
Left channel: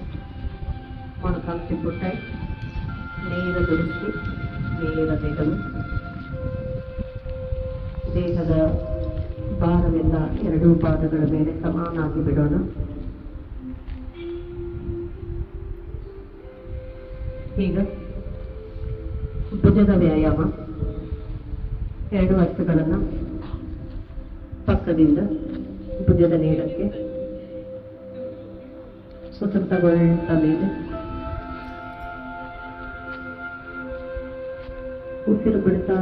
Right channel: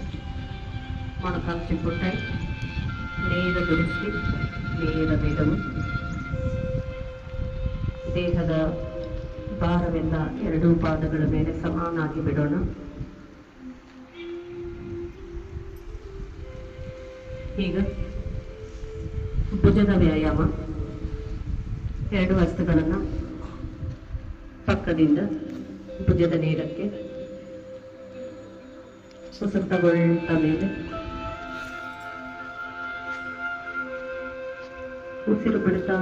ಮೊಣಕಾಲು ಚಿಪ್ಪುಟ್ಟೆ, ನೇರ ದುಡಿಸಿ, ನೇರ ಬೆದವು. ದೇಹದ ಭಾರವೆಲ್ಲ 2 ಪಾದಗಳ ಮೇಲೆ ಸಮಾನಾಗಿ ಬಿಡೋಣ. ಈಗ ಭುಜದ ವ್ಯಾಯಾಮ. 2 ಹಸ್ತಗಳನ್ನು ಪಕ್ಕದಿಂದ ಭುಜದ ನೇರಕ್ಕೆ, ಉಸಿರು ತಗೊಳ್ತಾ ಮೇಲೆ, ಉಸಿರು ಬಿಡ್ತಾ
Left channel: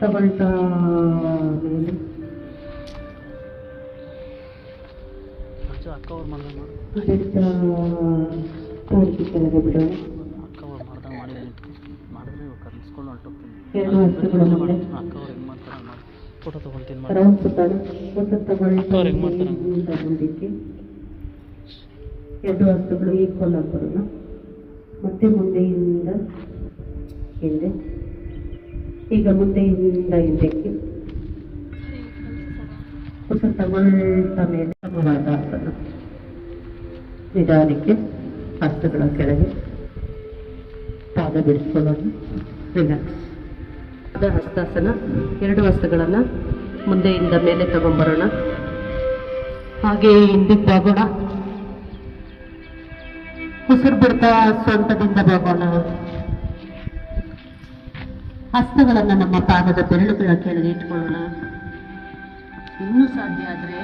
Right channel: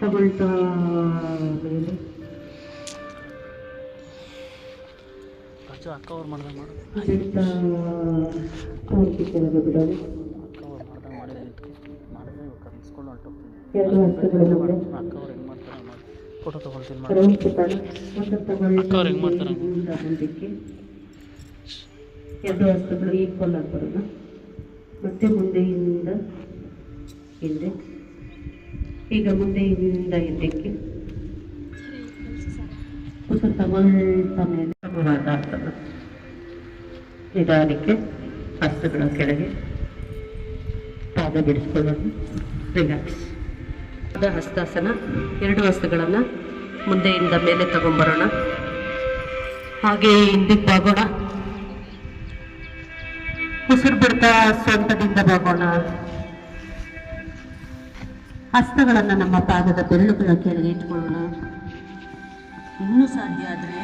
ತಗೊಳ್ತಾ ಮೇಲೆ ಬಿಡ್ತಾ ಪೂರ್ತಿ ಕೆಳಗೆ ಬಿಡೋದು. 2 ಹಸ್ತಗಳ ಮುಂದೆ ರೌಂಡ್ ಸುತ್ತಾಡಿ ಒಂದು ತಗೊಳ್ಳಿ ಮುಂದಕ್ಕೆ 2 ಹಸ್ತಗಳು ಈಕ್ವಲ್ ಆಗಿ ಬರೋಣ. ಮತ್ತೆ ಮುಂದೆಯಿಂದ ಹಿಂದೆ, ಈಗ ಮುಂದೆಯಿಂದ ಹಿಂದಕ್ಕೆ ಹೊಸ ತಗೊಳ್ತಾ ಮೇಲೆ ಸಮವಾದ ಆಸನ. ನಿಧಾನಕ್ಕೆ ಹಸ್ತಗಳ ಕೆಳಗೆ ಪಾದ ಬಿಡಿಸ್ಕೊಳ್ಳೋದು, ರಿಲ್ಯಾಕ್ಸ್. ಹಸ್ತಾಸನ. 2 ಹಸ್ತಗಳನ್ನು ಮುಂದೆಯಿಂದ ಮೇಲೆ ತಗೊಂಡ್ಬರೋಣ. ಹಾಗೆ ಹಿಂದಕ್ಕೆ ಬಾಗೋಣ. ಉಸಿರು ಬಿಡ್ತಾ ಸೊಂಟದಿಂದ ಬಾಗೋಣ. ಹಸ್ತಗಳನ್ನು ನಮ್ಮ ಪಾದದ ಬೆರಳುಗಳ ಕೆಳಗೆ ಇಟ್ಕೊಳ್ಳೋಣ. ಇನ್ನೂ ಸಾಧ್ಯ ಆದರೆ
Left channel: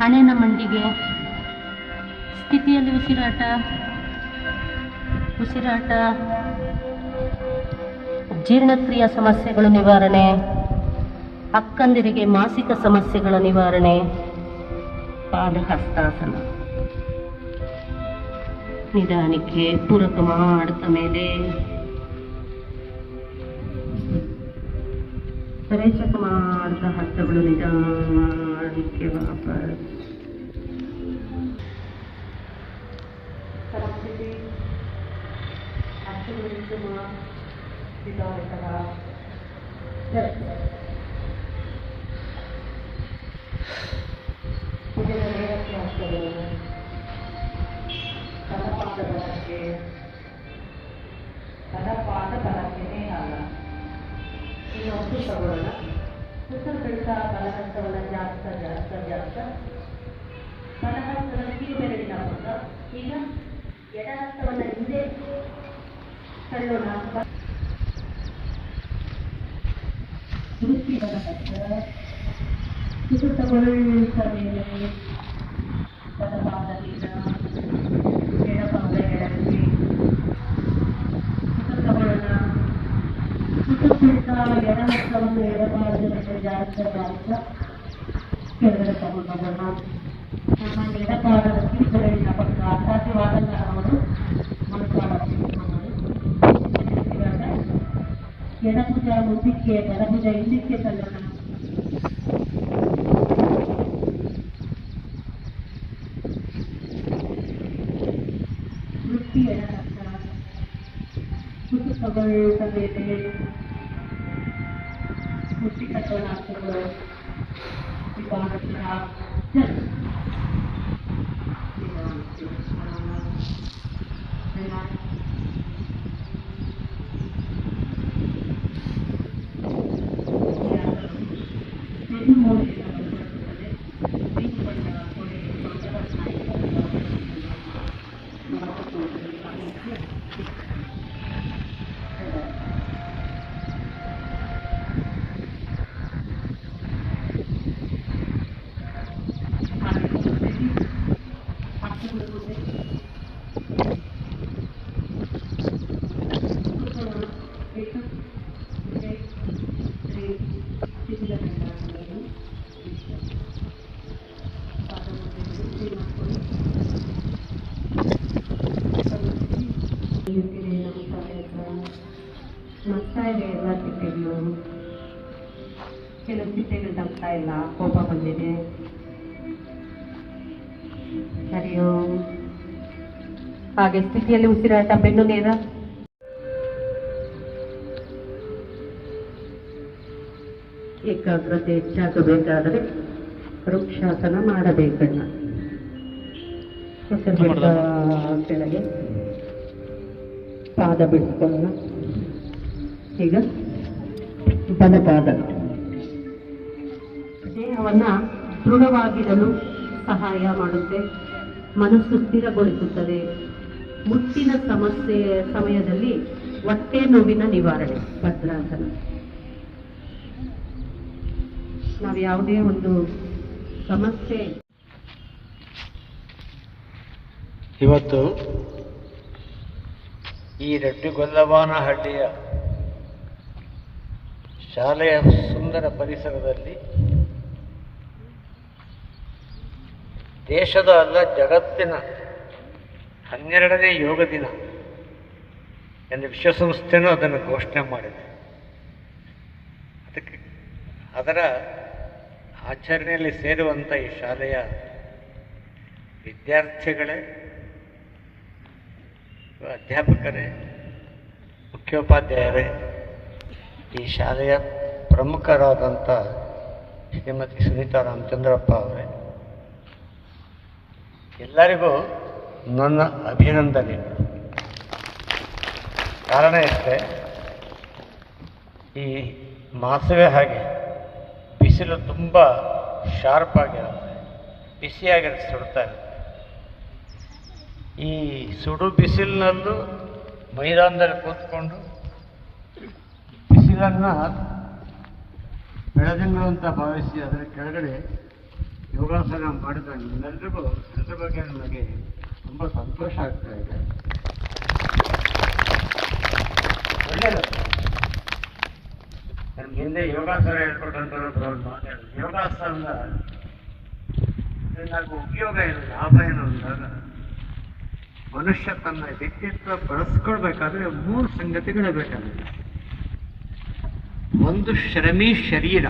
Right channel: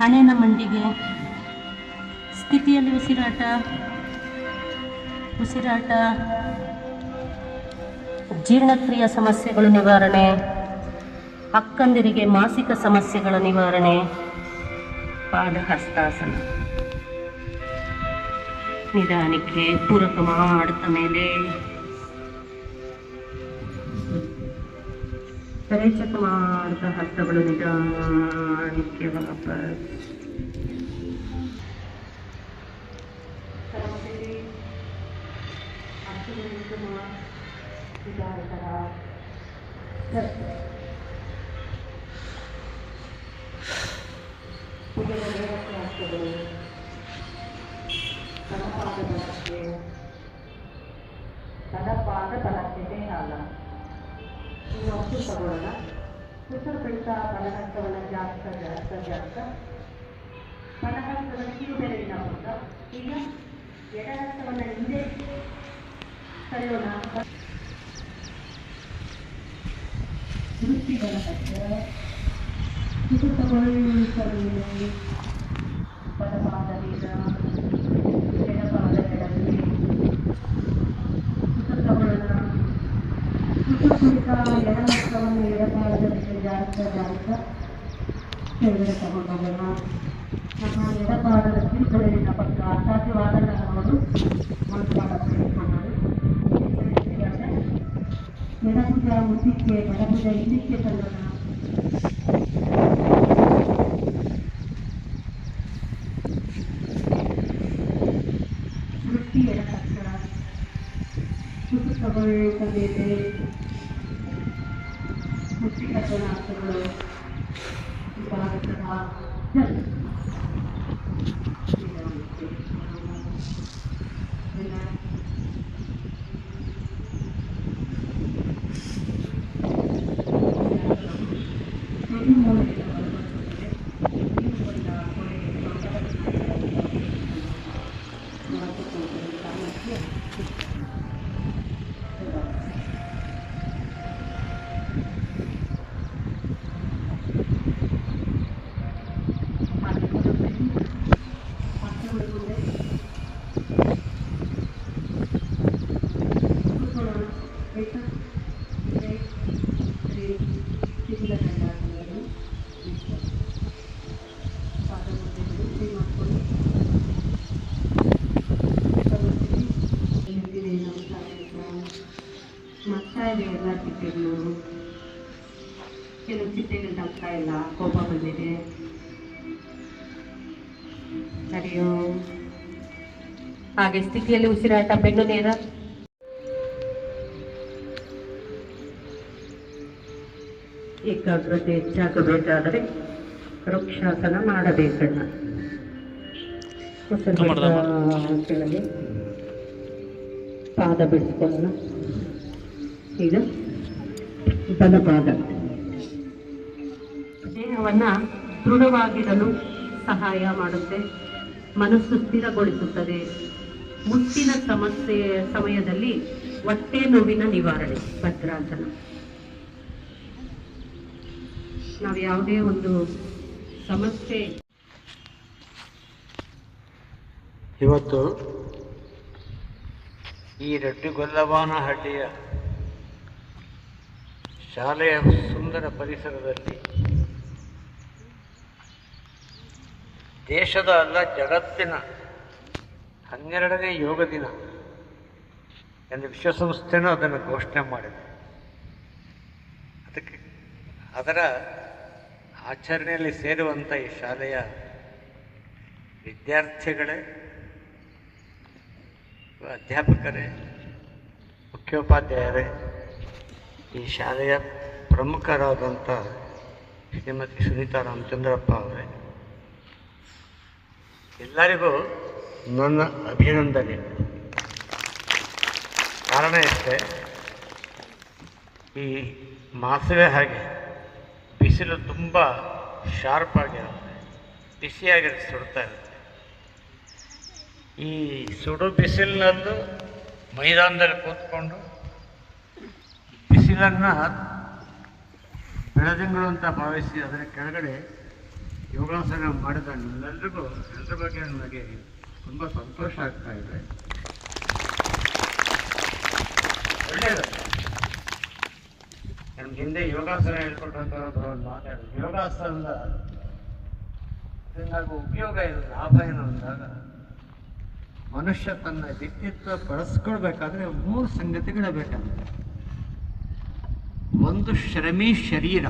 ಹಣೆನ ಮಂಡಿಗೆ ಸ್ಥಿತಿಯಲ್ಲಿ ಉಸಿರಾಟ ಜೀರ್ಣಕ್ರಿಯಾ ಸಮಸ್ಯೆಗಳ ನಿವಾರಣೆ, ಅಕ್ಕಂದಿರಿಗೆ ಮಾಸಿಕ ಸಮಸ್ಯೆಗಳ ನಿವಾರಣೆ, ಪಾದ ಹಸ್ತಾಸನ. ನಿಧಾನಕ್ಕೆ ಪೂರಕ ಮಾಡ್ತಾ ಮೇಲೆ ರೇಚಕ ಮಾಡ್ತಾ ಹಸ್ತಗಳು ನಿಧಾನಕ್ಕೆ ವಾಪಸ್. ತಗೊಳ್ಳೋಣ. ಉಸಿರು ಬಿಡ್ತಾ ಬಲಹಸ್ತವನ್ನು ಜಾಸ್ತ ಬಲಹಸ್ತವನ್ನು ಕಿವಿಬೆರಳಿನ ಪಕ್ಕ. ಈಗ ಎಡಹಸ್ತವನ್ನು ಹಿಂದೆ ಸರಿಯೋಣ. ವೃತ್ತಿ ಬಲಹಸ್ತ ಉಸಿರು ತಗೊಳ್ತಾ ಮೇಲೆ ಬಲಪಾದದಿಂದ ಎಡಪಾದ ಎಡಕ್ಕೆ ಉಸಿರು ತಗೊಳ್ಳೋಣ. ಎಡಹಸ್ತವನ್ನು ಎಡಪಾದದಲ್ಲಿ ಜಾಸ್ತ ಕೆಳಗಡೆ ತಗೊಂಡೋಗೋಣ. ಆಮೇಲೆ ಎಡಪಾದದ ಕಿವಿಬೆರಳಿನ ಪಕ್ಕ ಅಸಾಧ್ಯವಾದಲ್ಲ ಅವರು ಎಡಭುಜ ಮುಂದಕ್ಕೆ ಬಲಭುಜ ಹಿಂದಕ್ಕೆ ತಳ್ಳೋಣ. ವೃತ್ತಿ ಎಡಹಸ್ತ ಉಸಿರು ತಗೊಳ್ತಾ ಮೇಲೆ ಮುಷ್ಟಿಕಟ್ಟುಗಳು ಎಲ್ಲ ಚಿಟ್ಟೆಗಳು, ಕೆಲವು ಚಿಟ್ಟೆಗಳು ತಗ್ತಾ ಇಲ್ಲ, ಕೋಪ ಬಂದಿದೆ. ಸರಿಯೋ ಹಾಗೆ ಸ್ಥಿತಿಯಲ್ಲಿ ಉಸಿರಾಟ, ಬೆನ್ನು ನೇರ. ಏಕಾಗ್ರತೆ ಹೆಚ್ಚಾಗಬೇಕಾದರೆ ವೃಕ್ಷಾಸನ ಮಾಡಬೇಕಣ್ಣ. ಕೆಳಗೆ ಪಾದ ಬಿಡಿಸ್ಕೊಳ್ಳೋಣ. ಈಗ ಬಲಪಾದ ದೇಹವನ್ನು ದೃಢವಾಗಿರಲು ಸಹಾಯ ಮಾಡುತ್ತೆ, ಮನಸ್ಸು ಸ್ಥಿರಗೊಳಿಸುತ್ತದೆ. ಮುಟ್ಟಿನ ಸಮಯದಲ್ಲಿ ಹೊಟ್ಟೆ ನೋವಿನ ನಿವಾರಣೆ ಭದ್ರಾಸನ. ನಾವು ಯಾವುದೇ ಒಂದು ಸಮಸ್ಯೆ ಇವತ್ತು ಈ ರಡ್ಡಿಗೊಲ್ಲವಾನಹಳ್ಳಿಯ ಶಾಲೆಯ ಸುಂದರ ಪರಿಸರದಲ್ಲಿ ದೇಶದ ಅಲ್ಲ ಜಗತ್ತಿನ 12ನೇ ಯೋಗ ದಿನ ಎಂದು ವಿಶ್ವಸಂಸ್ಥೆನೂ ಅದನ್ನು ಘೋಷಣೆ ಮಾಡಿದೆ. ಅದಕ್ಕೆ ಅದರ ಆಚರಣೆಯಲ್ಲಿ ಸೇರುವಂಥ ಈ ಶಾಲೆಯ ವಿದ್ಯಾರ್ಥಿಗಳೇ, ಅಧ್ಯಾಪಕರೇ, ಮುಖ್ಯೋಪಾಧ್ಯಾಯರೇ, ಈ ಶಾಲೆಯ ಪ್ರಮುಖರಾದಂಥ ಶ್ರೀಮತಿ ಸುನೀತಾ ರಾಮಚಂದ್ರಪ್ಪ ಅವರೇ, ಎಲ್ಲರಿಗೂ ನನ್ನ ಅಭಿನಂದನೆ. ಕಾರಣ ಇಷ್ಟೇ, ಈ ಮಾಸವೇ ಹಾಗೆ ಬಿಸಿಲು ತುಂಬ ಶಾರ್ಪ್ ಆಗಿರುತ್ತೆ, ಬಿಸಿಯಾಗಿರುತ್ತೆ, ಸುಡ್ತಾ ಇರುತ್ತೆ. ಈ ಸುಡು ಬಿಸಿಲಿನಲ್ಲೂ ಮೈದಾನದಲ್ಲಿ ಕೂತ್ಕೊಂಡು ಬಿಸಿಲನ್ನು ಬೆಳದಿಂಗಳು ಅಂತ ಭಾವಿಸಿ ಅದರ ಕೆಳಗಡೆ ಯೋಗಾಸನ ಮಾಡಿದ ನಮ್ಮೆಲ್ಲರಿಗೂ ಎಲ್ಲರ ಬಗ್ಗೆ ನನಗೆ ತುಂಬ ಸಂತೋಷ ಆಗ್ತಾ ಇದೆ. ಒಳ್ಳೆಯದು. ನಮ್ಗೆ ಹಿಂದೆ ಯೋಗಾಸನ ಹೇಳ್ಕೊಟ್ಟಂಥವ್ರು ಮಾತಾಡೋದು, ಯೋಗಾಸನದ ನಾವು ಉಪಯೋಗ ಏನು, ಲಾಭ ಏನು ಅಂದಾಗ ಮನುಷ್ಯ ತನ್ನ ವ್ಯಕ್ತಿತ್ವ ಬಳಸ್ಕೊಳ್ಬೇಕಾದ್ರೆ 3 ಸಂಗತಿಗಳೇ ಬೇಕಾಗಿದೆ. ಒಂದು ಶ್ರಮಿ ಶರೀರ.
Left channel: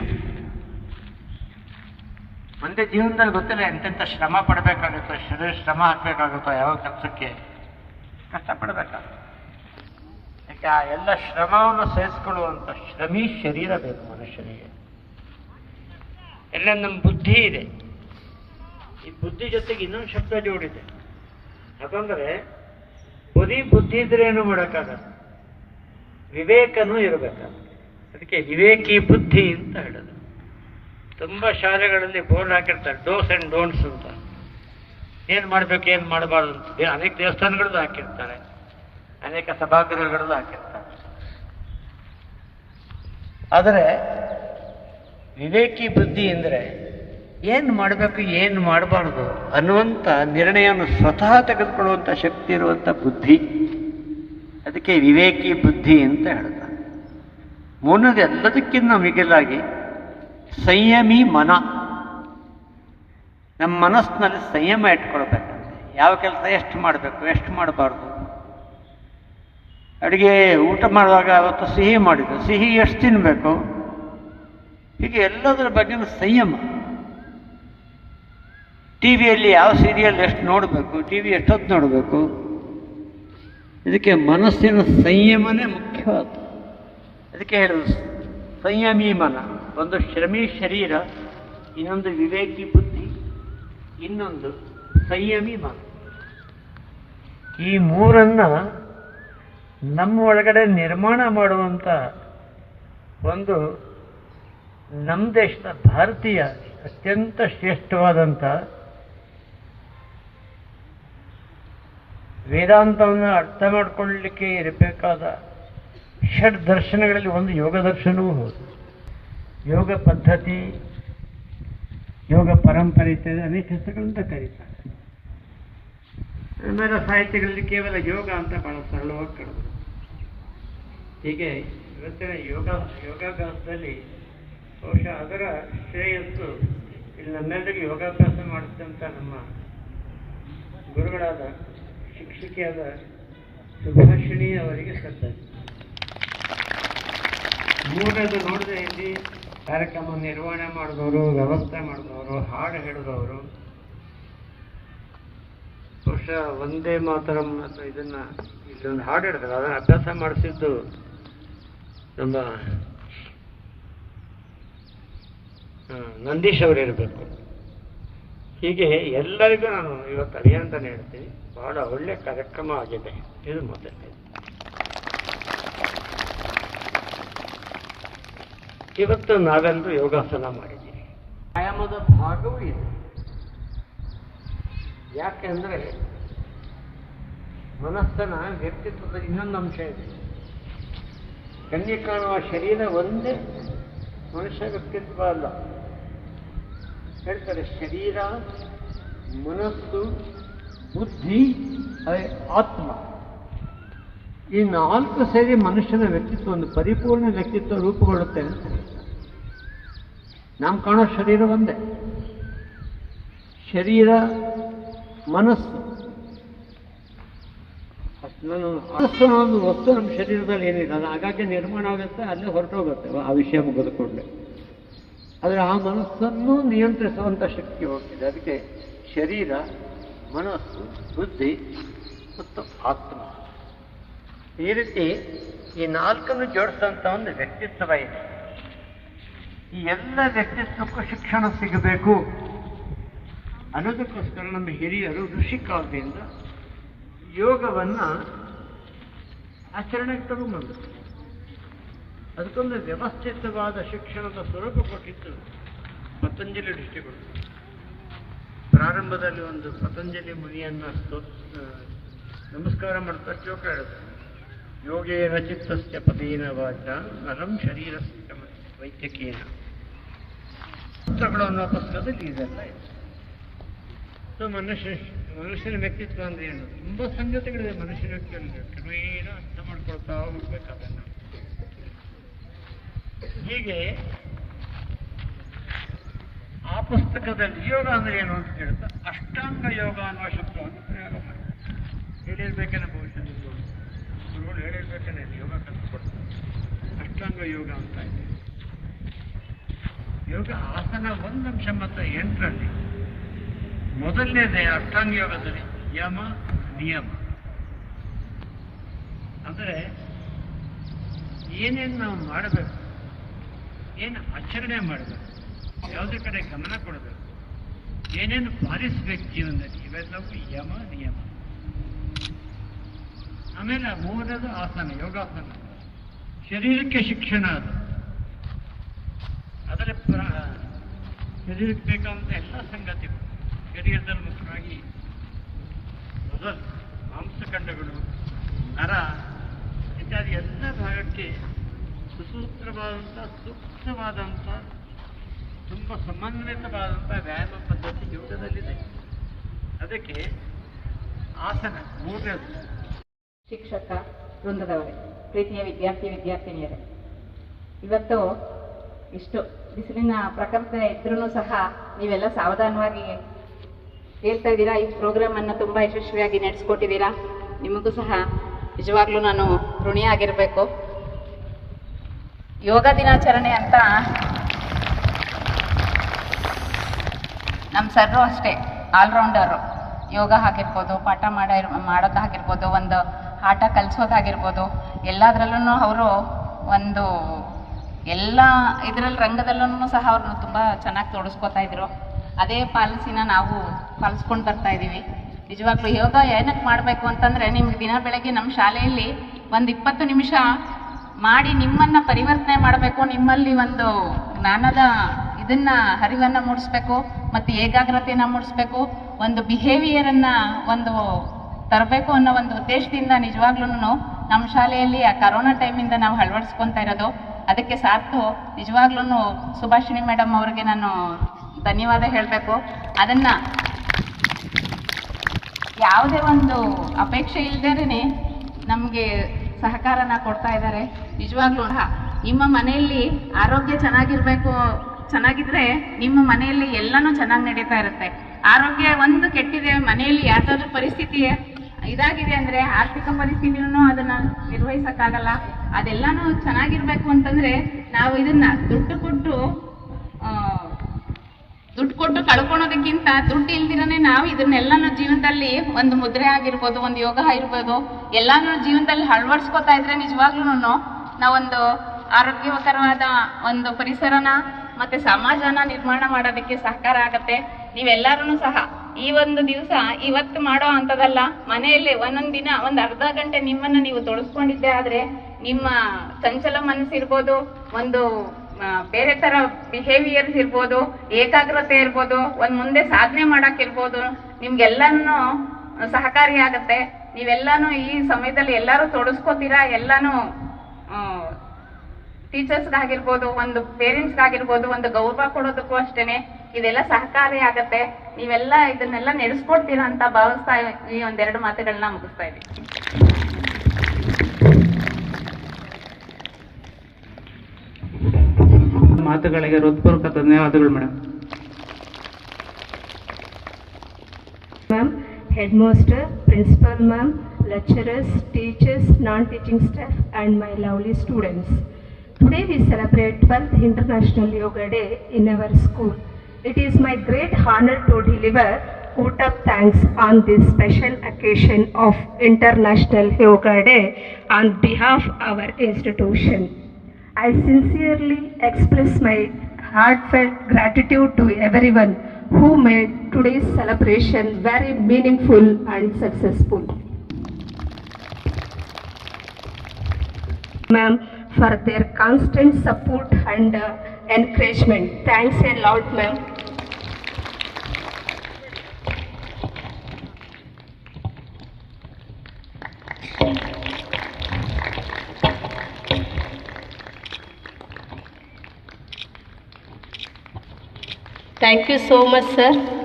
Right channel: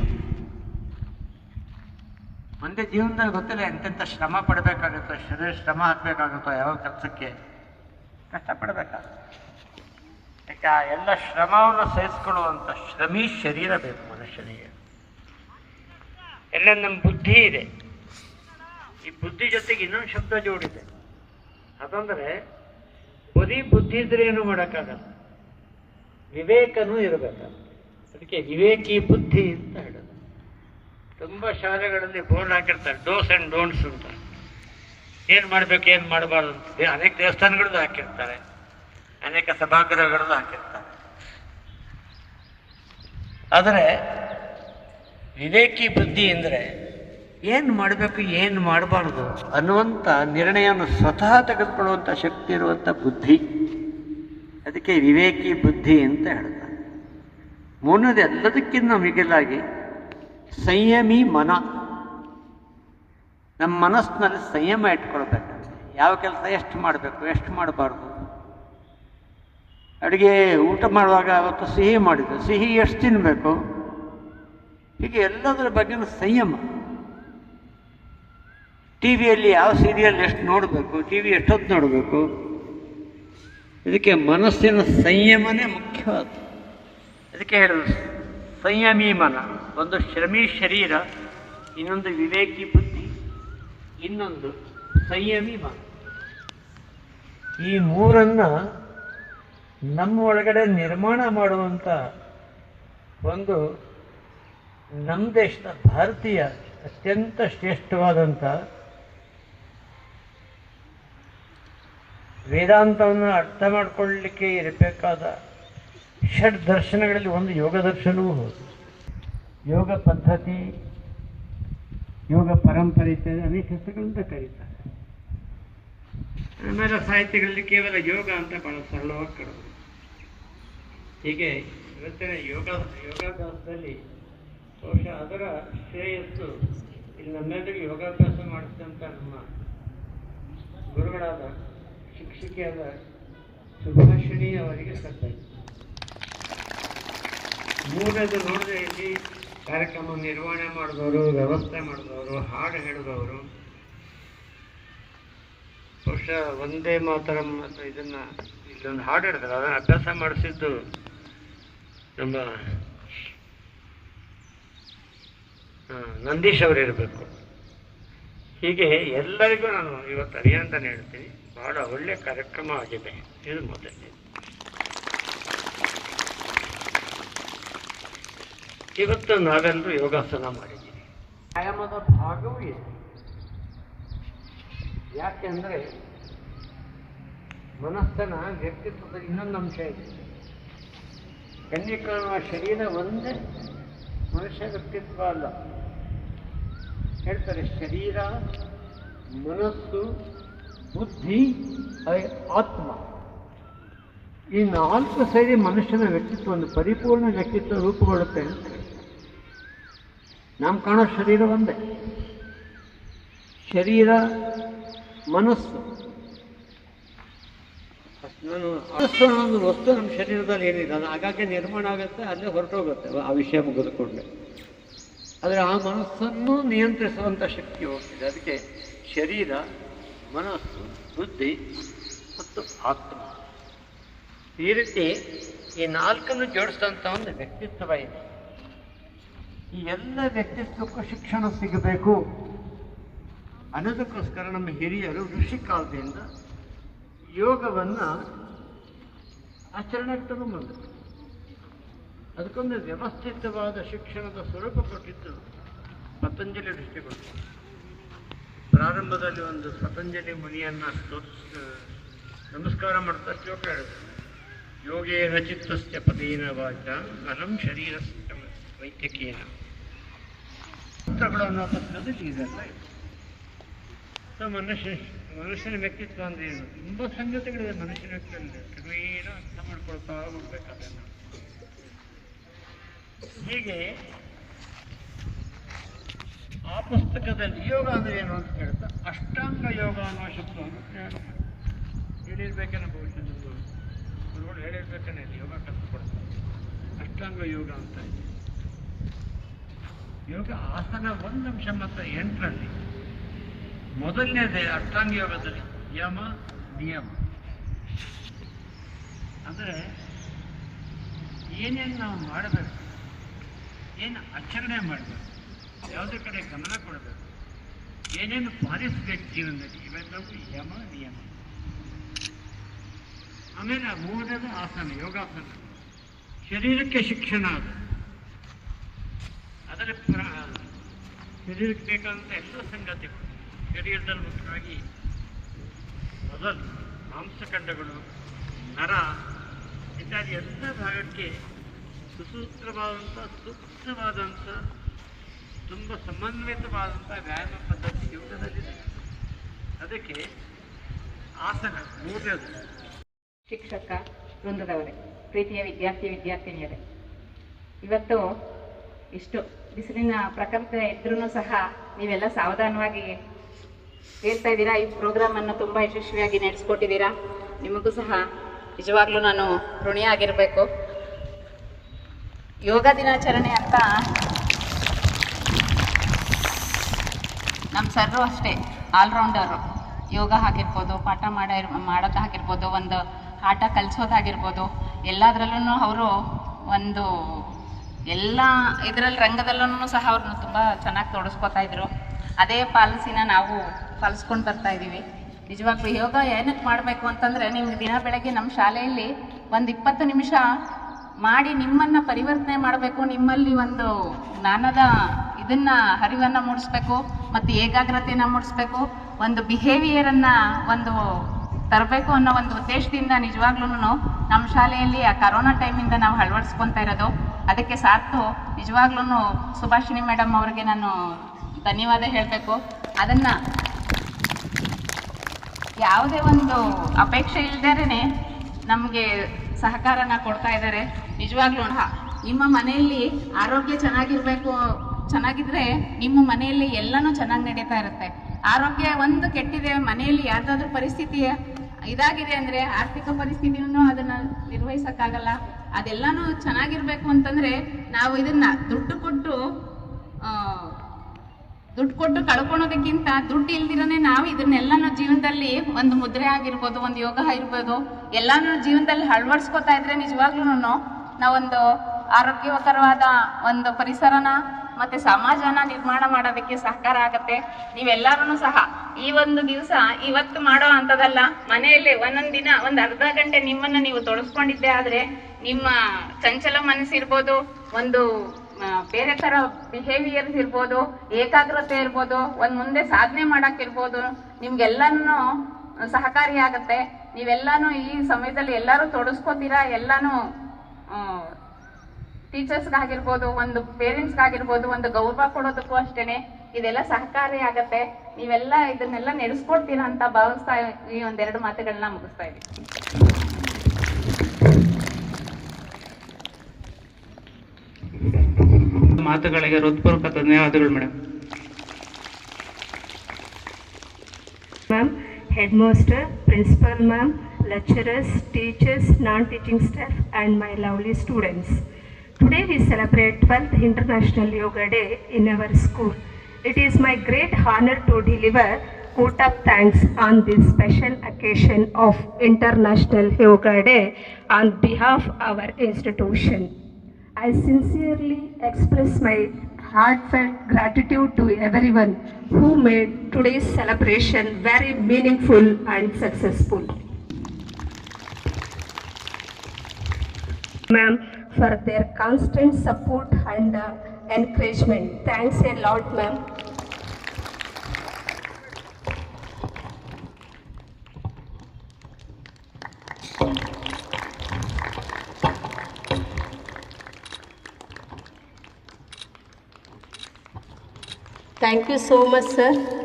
ಒಂದೇ ಜೀವನದಲ್ಲಿ ಗೊತ್ತಿಲ್ಲ ಎಂತೆಂಥ ಶ್ರಮ ಪಡಬೇಕಾಗುತ್ತೋ, ಶರೀರ ಶ್ರಮ ಹಾಕಬೇಕಾಗುತ್ತೋ, ಯಾವ ಕೆಲಸಕ್ಕೆ ಕಷ್ಟಪಡಬೇಕಾಗುತ್ತೆ. ಅದಕ್ಕೆ ಆ ಎಲ್ಲ ಶ್ರಮವನ್ನು ಸಹಿಸ್ಕೊಳ್ಳುವಂಥ ಶ್ರಮಿ ಶರೀರ ಬೇಕು ಮನುಷ್ಯನಿಗೆ. ಎಲ್ಲ ನಮ್ಮ ಬುದ್ಧಿ ಇದೆ. ಈ ಬುದ್ಧಿ ಜೊತೆಗೆ ಇನ್ನೊಂದು ಶಬ್ದ ಜೋಡಿದೆ, ಅದಂದರೆ ಬರೀ ಬುದ್ಧಿ ಇದ್ರೆ ಏನು ಮಾಡೋಕ್ಕಾಗಲ್ಲ, ವಿವೇಕನೂ ಇರಬೇಕಾಗುತ್ತೆ. ಅದಕ್ಕೆ ವಿವೇಕಿ ಬುದ್ಧಿ ಅಂತ ಹೇಳೋದು. ತುಂಬ ಶಾಲೆಗಳಲ್ಲಿ ಬೋರ್ಡ್ ಹಾಕಿರ್ತಾರೆ, ಡೋಸ್ ಆ್ಯಂಡ್ ಡೋಂಟ್ಸ್ ಅಂತ, ಏನು ಮಾಡಬೇಕು ಏನು ಮಾಡಬಾರ್ದು ಅಂತ. ಅನೇಕ ದೇವಸ್ಥಾನಗಳದ್ದು ಹಾಕಿರ್ತಾರೆ, ಅನೇಕ ಸಭಾಗೃಹಗಳದ್ದು ಹಾಕಿರ್ತಾರೆ. ಆದರೆ ವಿವೇಕಿ ಬುದ್ಧಿ ಅಂದರೆ ಏನು ಮಾಡಬೇಕು ಏನು ಮಾಡಬಾರ್ದು ಅನ್ನುವಂಥ ನಿರ್ಣಯವನ್ನು ಸ್ವತಃ ತೆಗೆದುಕೊಳ್ಳುವಂಥ ಶಕ್ತಿ ಇರುವಂಥ ಬುದ್ಧಿ. ಅದಕ್ಕೆ ವಿವೇಕಿ ಬುದ್ಧಿ ಅಂತ ಹೇಳ್ತಾರೆ. ಮೂರನೇದು, ಎಲ್ಲದಕ್ಕಿಂತ ಮಿಗಿಲಾಗಿ ಸಂಯಮಿ ಮನ. ನಮ್ಮ ಮನಸ್ಸಿನಲ್ಲಿ ಸಂಯಮ ಇಟ್ಕೊಳ್ಬೇಕಂತೆ. ಯಾವ ಕೆಲಸ ಎಷ್ಟು ಮಾಡಬೇಕು, ಎಷ್ಟು ಮಾಡಬಾರ್ದು. ಅಡುಗೆ ಊಟ ಮಾಡುವಾಗ ಅವತ್ತು ಸಿಹಿ ಮಾಡಿದ್ದು, ಸಿಹಿ ಎಷ್ಟು ತಿನ್ನಬೇಕು, ಹೀಗೆ ಎಲ್ಲದರ ಬಗ್ಗೆನೂ ಸಂಯಮ. ಟಿ ವಿಯಲ್ಲಿ ಯಾವ ಸೀರಿಯಲ್ ಎಷ್ಟು ನೋಡಬೇಕು, ಟಿ ವಿ ಎಷ್ಟೊತ್ತು ನೋಡಬೇಕು, ಇದಕ್ಕೆ ಮನಸ್ಸಿನ ಸಂಯಮನೇ ಮುಖ್ಯವಾದ. ಅದಕ್ಕೆ ಹೇಳಿದ್ರು ಸಂಯಮಿ ಮನ. ಒಂದು ಶ್ರಮಿ ಶರೀರ, ಇನ್ನೊಂದು ವಿವೇಕಿ ಬುದ್ಧಿ, ಇನ್ನೊಂದು ಸಂಯಮಿ ಮನ. ಈ ಮೂರನ್ನು ನಮ್ಮ ಒಳಗಡೆ ನಿರ್ಮಾಣ ಮಾಡುವಂಥ ಒಂದು ನಮ್ಮ ದೇಶದ ಭಾರತೀಯ ಅತ್ಯಂತ ಶ್ರೇಷ್ಠವಾದಂಥ ವೇದಾಂತವನ್ನು ಅರ್ಥ ಮಾಡಿಕೊಳ್ಳಲಿಕ್ಕೆ ಇರಬೇಕಾದ ಷಡ್ ದರ್ಶನಗಳಲ್ಲಿ ಒಂದು ಯೋಗ ದರ್ಶನವೂ ಹೌದು. ಯೋಗ ಪದ್ಧತಿ, ಯೋಗ ಪರಂಪರೆ ಇತ್ಯಾದಿ ಅನೇಕ ಹೆಸರುಗಳಿಂದ ಕರೀತಾರೆ. ಆಮೇಲೆ ಸಾಹಿತ್ಯಗಳಲ್ಲಿ ಕೇವಲ ಯೋಗ ಅಂತ ಬಹಳ ಸರಳವಾಗಿ ಕರೆದು. ಹೀಗೆ ಇವತ್ತಿನ ಯೋಗಾಭ್ಯಾಸದಲ್ಲಿ ಬಹುಶಃ ಅದರ ಶ್ರೇಯಸ್ಸು ಇಲ್ಲಿ ನಮ್ಮೆಲ್ಲರಿಗೂ ಯೋಗಾಭ್ಯಾಸ ಮಾಡಿಸಿದಂಥ ನಮ್ಮ ಗುರುಗಳಾದ ಶಿಕ್ಷಕಿಯಾದ ಸುಭಾಷಿಣಿ ಅವರಿಗೆ ಸಲ್ಲದು. ಮೂರನೇದು ನೋಡಿದ್ರೆ ಇಲ್ಲಿ ಕಾರ್ಯಕ್ರಮ ನಿರ್ವಹಣೆ ಮಾಡಿದವರು, ವ್ಯವಸ್ಥೆ ಮಾಡಿದವರು, ಹಾಡು ಹೇಳಿದವರು, ಬಹುಶಃ ಒಂದೇ ಮಾತರಂ ಅಥವಾ ಇದನ್ನು ಹಾಡು ಹೇಳಿದ್ರು, ಅದನ್ನು ಅಭ್ಯಾಸ ಮಾಡಿಸಿದ್ದು ನಮ್ಮ ನಂದೀಶ್ ಅವರು ಇರಬೇಕು. ಹೀಗೆ ಎಲ್ಲರಿಗೂ ನಾನು ಇವತ್ತು ಅಭಿನಂದನೆ ಹೇಳ್ತೀನಿ. ಬಹಳ ಒಳ್ಳೆಯ ಕಾರ್ಯಕ್ರಮ ಆಗಿದೆ. ಇದು ಮೊದಲನೇ. ಇವತ್ತು ನಾವೆಲ್ಲರೂ ಯೋಗಾಸನ ಮಾಡಿದ್ದೀವಿ. ವ್ಯಾಯಾಮದ ಭಾಗವೂ ಇದೆ. ಯಾಕೆಂದರೆ ಮನಸ್ಸನ ವ್ಯಕ್ತಿತ್ವದ ಇನ್ನೊಂದು ಅಂಶ ಇದೆ. ಕಣ್ಣಿಗೆ ಕಾಣುವ ಶರೀರ ಒಂದೇ ಮನುಷ್ಯ ವ್ಯಕ್ತಿತ್ವ ಅಲ್ಲ. ಹೇಳ್ತಾರೆ ಶರೀರ, ಮನಸ್ಸು, ಬುದ್ಧಿ, ಆತ್ಮ, ಈ 4 ಸೇರಿ ಮನುಷ್ಯನ ವ್ಯಕ್ತಿತ್ವ ಒಂದು ಪರಿಪೂರ್ಣ ವ್ಯಕ್ತಿತ್ವ ರೂಪುಗೊಳ್ಳುತ್ತೆ ಅಂತ. ನಾವು ಕಾಣೋ ಶರೀರ ಒಂದೇ. ಶರೀರ ಮನಸ್ಸು, ಮನಸ್ಸು ಅನ್ನೋದು ವಸ್ತು ನಮ್ಮ ಶರೀರದಲ್ಲಿ ಏನಿರಲ್ಲ, ಹಾಗಾಗಿ ನಿರ್ಮಾಣ ಆಗುತ್ತೆ, ಅಲ್ಲೇ ಹೊರಟೋಗುತ್ತೆ ಆ ವಿಷಯ ಮುಗಿದ ಕೂಡಲೇ. ಆದರೆ ಆ ಮನಸ್ಸನ್ನು ನಿಯಂತ್ರಿಸುವಂಥ ಶಕ್ತಿ ಹೋಗ್ತದೆ. ಅದಕ್ಕೆ ಶರೀರ, ಮನಸ್ಸು, ಬುದ್ಧಿ ಮತ್ತು ಆತ್ಮ, ಈ ರೀತಿ ಈ ನಾಲ್ಕನ್ನು ಜೋಡಿಸಿದಂಥ ಒಂದು ವ್ಯಕ್ತಿತ್ವ ಇದೆ. ಈ ಎಲ್ಲ ವ್ಯಕ್ತಿತ್ವಕ್ಕೂ ಶಿಕ್ಷಣ ಸಿಗಬೇಕು ಅನ್ನೋದಕ್ಕೋಸ್ಕರ ನಮ್ಮ ಹಿರಿಯರು ಋಷಿ ಕಾಲದಿಂದ ಯೋಗವನ್ನು ಆಚರಣೆಗೆ ತಗೊಂಡ್ಬಂದರು. ಅದಕ್ಕೊಂದು ವ್ಯವಸ್ಥಿತವಾದ ಶಿಕ್ಷಣದ ಸ್ವರೂಪ ಕೊಟ್ಟಿದ್ದು ಪತಂಜಲಿ ಋಷಿಗಳು. ಪ್ರಾರಂಭದಲ್ಲಿ ಒಂದು ಪತಂಜಲಿ ಮುನಿಯನ್ನು ನಮಸ್ಕಾರ ಮಾಡ್ತಾ ಶ್ಲೋಕ ಹೇಳುತ್ತೆ, ಯೋಗೇನ ಚಿತ್ತಸ್ಯ ಪದೇನ ವಾಚ ನರಂ ಶರೀರಸ್ಯ ವೈದ್ಯಕೇನ. ಪುಸ್ತಕಗಳು ಅನ್ನೋ ಪುಸ್ತಕದಲ್ಲಿ ಇದೆಲ್ಲ ಇದೆ. ಮನುಷ್ಯನ ವ್ಯಕ್ತಿತ್ವ ಅಂದರೆ ಏನು? ತುಂಬ ಸಂಗತಿಗಳಿದೆ ಮನುಷ್ಯನ ವ್ಯಕ್ತಿತ್ವ. ಕ್ರಮೇಣ ಅರ್ಥ ಮಾಡ್ಕೊಳ್ತಾ ಹೋಗ್ಬೇಕು ಅದನ್ನು. ಹೀಗೆ ಆ ಪುಸ್ತಕದಲ್ಲಿ ಯೋಗ ಅಂದರೆ ಏನು ಅಂತ ಹೇಳ್ತಾ ಅಷ್ಟಾಂಗ ಯೋಗ ಅನ್ನುವ ಶಬ್ದವನ್ನು ಪ್ರಯೋಗ ಮಾಡಿ ಹೇಳಿರ್ಬೇಕೇನೆ ಬಹುಶಃ ಹೇಳಿರ್ಬೇಕೇನೆ ಯೋಗ ಕಲಿಸ್ಕೊಡ್ತಾರೆ. ಅಷ್ಟಾಂಗ ಯೋಗ ಅಂತ ಇದೆ. ಯೋಗ ಆಸನ 1 ಅಂಶ ಮತ್ತು 8ರಲ್ಲಿ ಮೊದಲನೇದೇ ಅಷ್ಟಾಂಗ ಯೋಗದಲ್ಲಿ ಯಮ ನಿಯಮ. ಅಂದರೆ ಏನೇನು ನಾವು ಮಾಡಬೇಕು, ಏನು ಆಚರಣೆ ಮಾಡಬೇಕು, ಯಾವುದೇ ಕಡೆ ಗಮನ ಕೊಡಬೇಕು, ಏನೇನು ಪಾಲಿಸಬೇಕು ಜೀವನದಲ್ಲಿ, ಇವೆಲ್ಲವೂ ಯಮ ನಿಯಮ. ಆಮೇಲೆ 3ನೇದು ಆಸನ, ಯೋಗಾಸನ, ಶರೀರಕ್ಕೆ ಶಿಕ್ಷಣ. ಅದು ಅದರ ಶರೀರಕ್ಕೆ ಬೇಕಾದಂಥ ಎಲ್ಲ ಸಂಗತಿಗಳು ಶರೀರದಲ್ಲಿ ಮುಖ್ಯವಾಗಿ ಮೊದಲು ಮಾಂಸಖಂಡಗಳು, ನರ ಇತ್ಯಾದಿ ಎಲ್ಲ ಭಾಗಕ್ಕೆ ಸುಸೂತ್ರವಾದಂಥ ಸೂಕ್ತವಾದಂಥ ತುಂಬ ಸಮನ್ವಿತವಾದಂಥ ವ್ಯಾಯಾಮ ಪದ್ಧತಿ ಯೋಗದಲ್ಲಿದೆ. ಅದಕ್ಕೆ ಆಸನ 3ನೇದು. ಶಿಕ್ಷಕ ವೃಂದದವರೇ, ಪ್ರೀತಿಯ ವಿದ್ಯಾರ್ಥಿನಿಯರೇ, ಇವತ್ತು ಇಷ್ಟು ಬಿಸಿಲಿನ ಪ್ರಕೃತಿ ಇದ್ರೂ ಸಹ ನೀವೆಲ್ಲ ಸಾವಧಾನವಾಗಿ ಸೇರ್ತಾ ಇದ್ದೀರಾ. ಈ ಪ್ರೋಗ್ರಾಮ್ ಅನ್ನು ತುಂಬ ಯಶಸ್ವಿಯಾಗಿ ನಡೆಸ್ಕೊಟ್ಟಿದ್ದೀರಾ. ನಿಮಗೂ ಸಹ ನಿಜವಾಗ್ಲೂ ನಾನು ಋಣಿಯಾಗಿರಬೇಕು. ಯೋಗ ದಿನಾಚರಣೆ ಅಂತ ನಮ್ಮ ಸರ್ರು ಅಷ್ಟೇ ಆಲ್ರೌಂಡರು. ಯೋಗ ಆಗಿರ್ಬೋದು, ಪಾಠ ಮಾಡೋದಾಗಿರ್ಬೋದು, ಒಂದು ಆಟ ಕಲಿಸೋದಾಗಿರ್ಬೋದು, ಎಲ್ಲದರಲ್ಲೂ ಅವರು ಒಂದು ಎಲ್ಲ ಇದರಲ್ಲಿ ರಂಗದಲ್ಲೂ ಸಹ ಅವ್ರನ್ನ ತುಂಬ ಚೆನ್ನಾಗಿ ತೊಡಸ್ಕೊತಾ ಇದ್ರು. ಅದೇ ಪಾಲಿಸಿನ ನಾವು ಪಾಲಿಸ್ಕೊಂಡು ಬರ್ತಾ ಇದ್ದೀವಿ. ನಿಜವಾಗ್ಲೂ ಯೋಗ ಏನಕ್ಕೆ ಮಾಡಬೇಕು ಅಂತಂದರೆ, ನಿಮ್ಗೆ ದಿನ ಬೆಳಗ್ಗೆ ನಮ್ಮ ಶಾಲೆಯಲ್ಲಿ ಒಂದು 20 ನಿಮಿಷ ಮಾಡಿ ನಿಮ್ಮನ್ನು ಪರಿವರ್ತನೆ ಮಾಡಬೇಕು, ನಿಮ್ಮಲ್ಲಿ ಒಂದು ಜ್ಞಾನದ ಇದನ್ನು ಅರಿವನ್ನು ಮೂಡಿಸ್ಬೇಕು ಮತ್ತು ಏಕಾಗ್ರತೆಯನ್ನು ಮೂಡಿಸ್ಬೇಕು, ಒಂದು ಬಿಹೇವಿಯರನ್ನು ಒಂದು ತರಬೇಕು ಅನ್ನೋ ಒಂದು ಉದ್ದೇಶದಿಂದ ನಿಜವಾಗ್ಲೂ ನಮ್ಮ ಶಾಲೆಯಲ್ಲಿ ಆ ಕರೋನಾ ಟೈಮಿಂದ ನಾವು ಅಳವಡಿಸ್ಕೊತಾ ಇರೋದು. ಅದಕ್ಕೆ ಸಾಕು ನಿಜವಾಗ್ಲೂ ಸುಭಾಷಿಣಿ ಮೇಡಮ್ ಅವರಿಗೆ ನಾನು ಧನ್ಯವಾದ ಹೇಳಬೇಕು. ಅದನ್ನು ಯಾವುದೇ ಒಂದು ಅಪೇಕ್ಷೆ ಇಲ್ಲದೇ ನಮಗೆ ಸಹಕಾರನ ಕೊಡ್ತಾ ಇದ್ದಾರೆ. ನಿಜವಾಗ್ಲೂ ನಿಮ್ಮ ಮನೆಯಲ್ಲಿ ಆರೋಗ್ಯ ಚೆನ್ನಾಗಿದ್ರೆ ನಿಮ್ಮ ಮನೆಯಲ್ಲಿ ಎಲ್ಲನೂ ಚೆನ್ನಾಗಿ ನಡೀತಾ ಇರುತ್ತೆ. ಆರೋಗ್ಯ ಒಂದು ಕೆಟ್ಟಿದೆ, ಮನೆಯಲ್ಲಿ ಯಾವುದಾದ್ರೂ ಪರಿಸ್ಥಿತಿ ಇದಾಗಿದೆ ಅಂದರೆ ಆರ್ಥಿಕ ಪರಿಸ್ಥಿತಿನೂ ಅದನ್ನು ನಿರ್ವಹಿಸೋಕ್ಕಾಗಲ್ಲ. ಅದೆಲ್ಲನೂ ಚೆನ್ನಾಗಿರ್ಬೇಕು ಅಂತಂದರೆ ನಾವು ಇದನ್ನು ದುಡ್ಡು ಕೊಟ್ಟು ಕಳ್ಕೊಳೋದಕ್ಕಿಂತ ದುಡ್ಡು ಇಲ್ದಿರನೇ ನಾವು ಇದನ್ನೆಲ್ಲನೂ ಜೀವನದಲ್ಲಿ ಒಂದು ಮುದ್ರೆ ಆಗಿರ್ಬೋದು, ಒಂದು ಯೋಗ ಇರ್ಬೋದು, ಎಲ್ಲಾನು ಜೀವನದಲ್ಲಿ ಅಳವಡಿಸ್ಕೊತಾ ಇದ್ರೆ ನಿಜವಾಗ್ಲೂ ನಾವೊಂದು ಆರೋಗ್ಯಕರವಾದ ಒಂದು ಪರಿಸರನ ಮತ್ತು ಸಮಾಜನ ನಿರ್ಮಾಣ ಮಾಡೋದಕ್ಕೆ ಸಹಕಾರ ಆಗುತ್ತೆ. ನೀವೆಲ್ಲರೂ ಸಹ ಈ ಒಂದು ದಿವಸ ಇವತ್ತು ಮಾಡೋ ಅಂಥದ್ದಲ್ಲ, ಮನೆಯಲ್ಲಿ ಒಂದೊಂದು ದಿನ ಒಂದು ಅರ್ಧ ಗಂಟೆ ನಿಮ್ಮನ್ನು ನೀವು ತೊಡಸ್ಕೊಂಡಿದ್ದೆ ಆದರೆ ನಿಮ್ಮ ಚಂಚಲ ಮನಸ್ಸಿರ್ಬೋದು, ಒಂದು ಬೇರೆ ಥರ ಬಿಹೇವಿಯರ್ಸ್ ಇರ್ಬೋದು, ಏಕಾಗ್ರತೆ ಇರ್ಬೋದು, ಒಂದು ಮುಂದೆ ಸಾಧನೆ ಮಾಡೋಕ್ಕಿರ್ಬೋದು, ನಿಮ್ಗೆಲ್ಲನೂ ಸಹಕಾರಿಯಾಗತ್ತೆ. ನೀವೆಲ್ಲನೂ ಈ ಸಮಯದಲ್ಲಿ ಎಲ್ಲರೂ ತೊಡಸ್ಕೋತೀರಾ. ಎಲ್ಲನೂ ಟೀಚರ್ಸ್ಗಾಗಿರ್ಬೋದು, ಒಂದು ಪೇರೆಂಟ್ಸ್ಗಾಗಿರ್ಬೋದು, ಒಂದು ಗೌರವ ಕೊಡೋದಕ್ಕೂ ಅಷ್ಟೇ ಇದೆಲ್ಲ ಸಹಕಾರಿ ಆಗತ್ತೆ. ನೀವೆಲ್ಲ ಇದನ್ನೆಲ್ಲ ನಡೆಸ್ಕೊಡ್ತೀರಾ ಅಂತ ಭಾವಿಸ್ತಾ ಈ 1-2 ಮಾತುಗಳನ್ನ ಮುಗಿಸ್ತಾ ಇದ್ದೀನಿ. ಮಾತುಗಳಿಗೆ ಹೃತ್ಪೂರ್ವಕ ಧನ್ಯವಾದಗಳು madam. Ma'am, headmaster, principal ma'am, lecturers, teachers, non-teaching staff and my lovely students. Today we celebrate 12th International Yoga Day in our school. It is my great honor to deliver vote of thanks on this special occasion of International Yoga Day on behalf of our institution. I sincerely express my heartfelt gratitude to everyone who made today's celebration very meaningful and successful. Ma'am, for their constant support and encouragement. Thanks a lot, ma'am. Thank you so much, sir.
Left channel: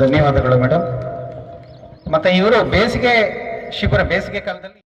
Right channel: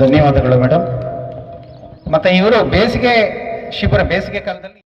ಧನ್ಯವಾದಗಳು madam. ಮತ್ತೆ ಇವರು ಬೇಸಿಗೆ ಕಾಲದಲ್ಲಿ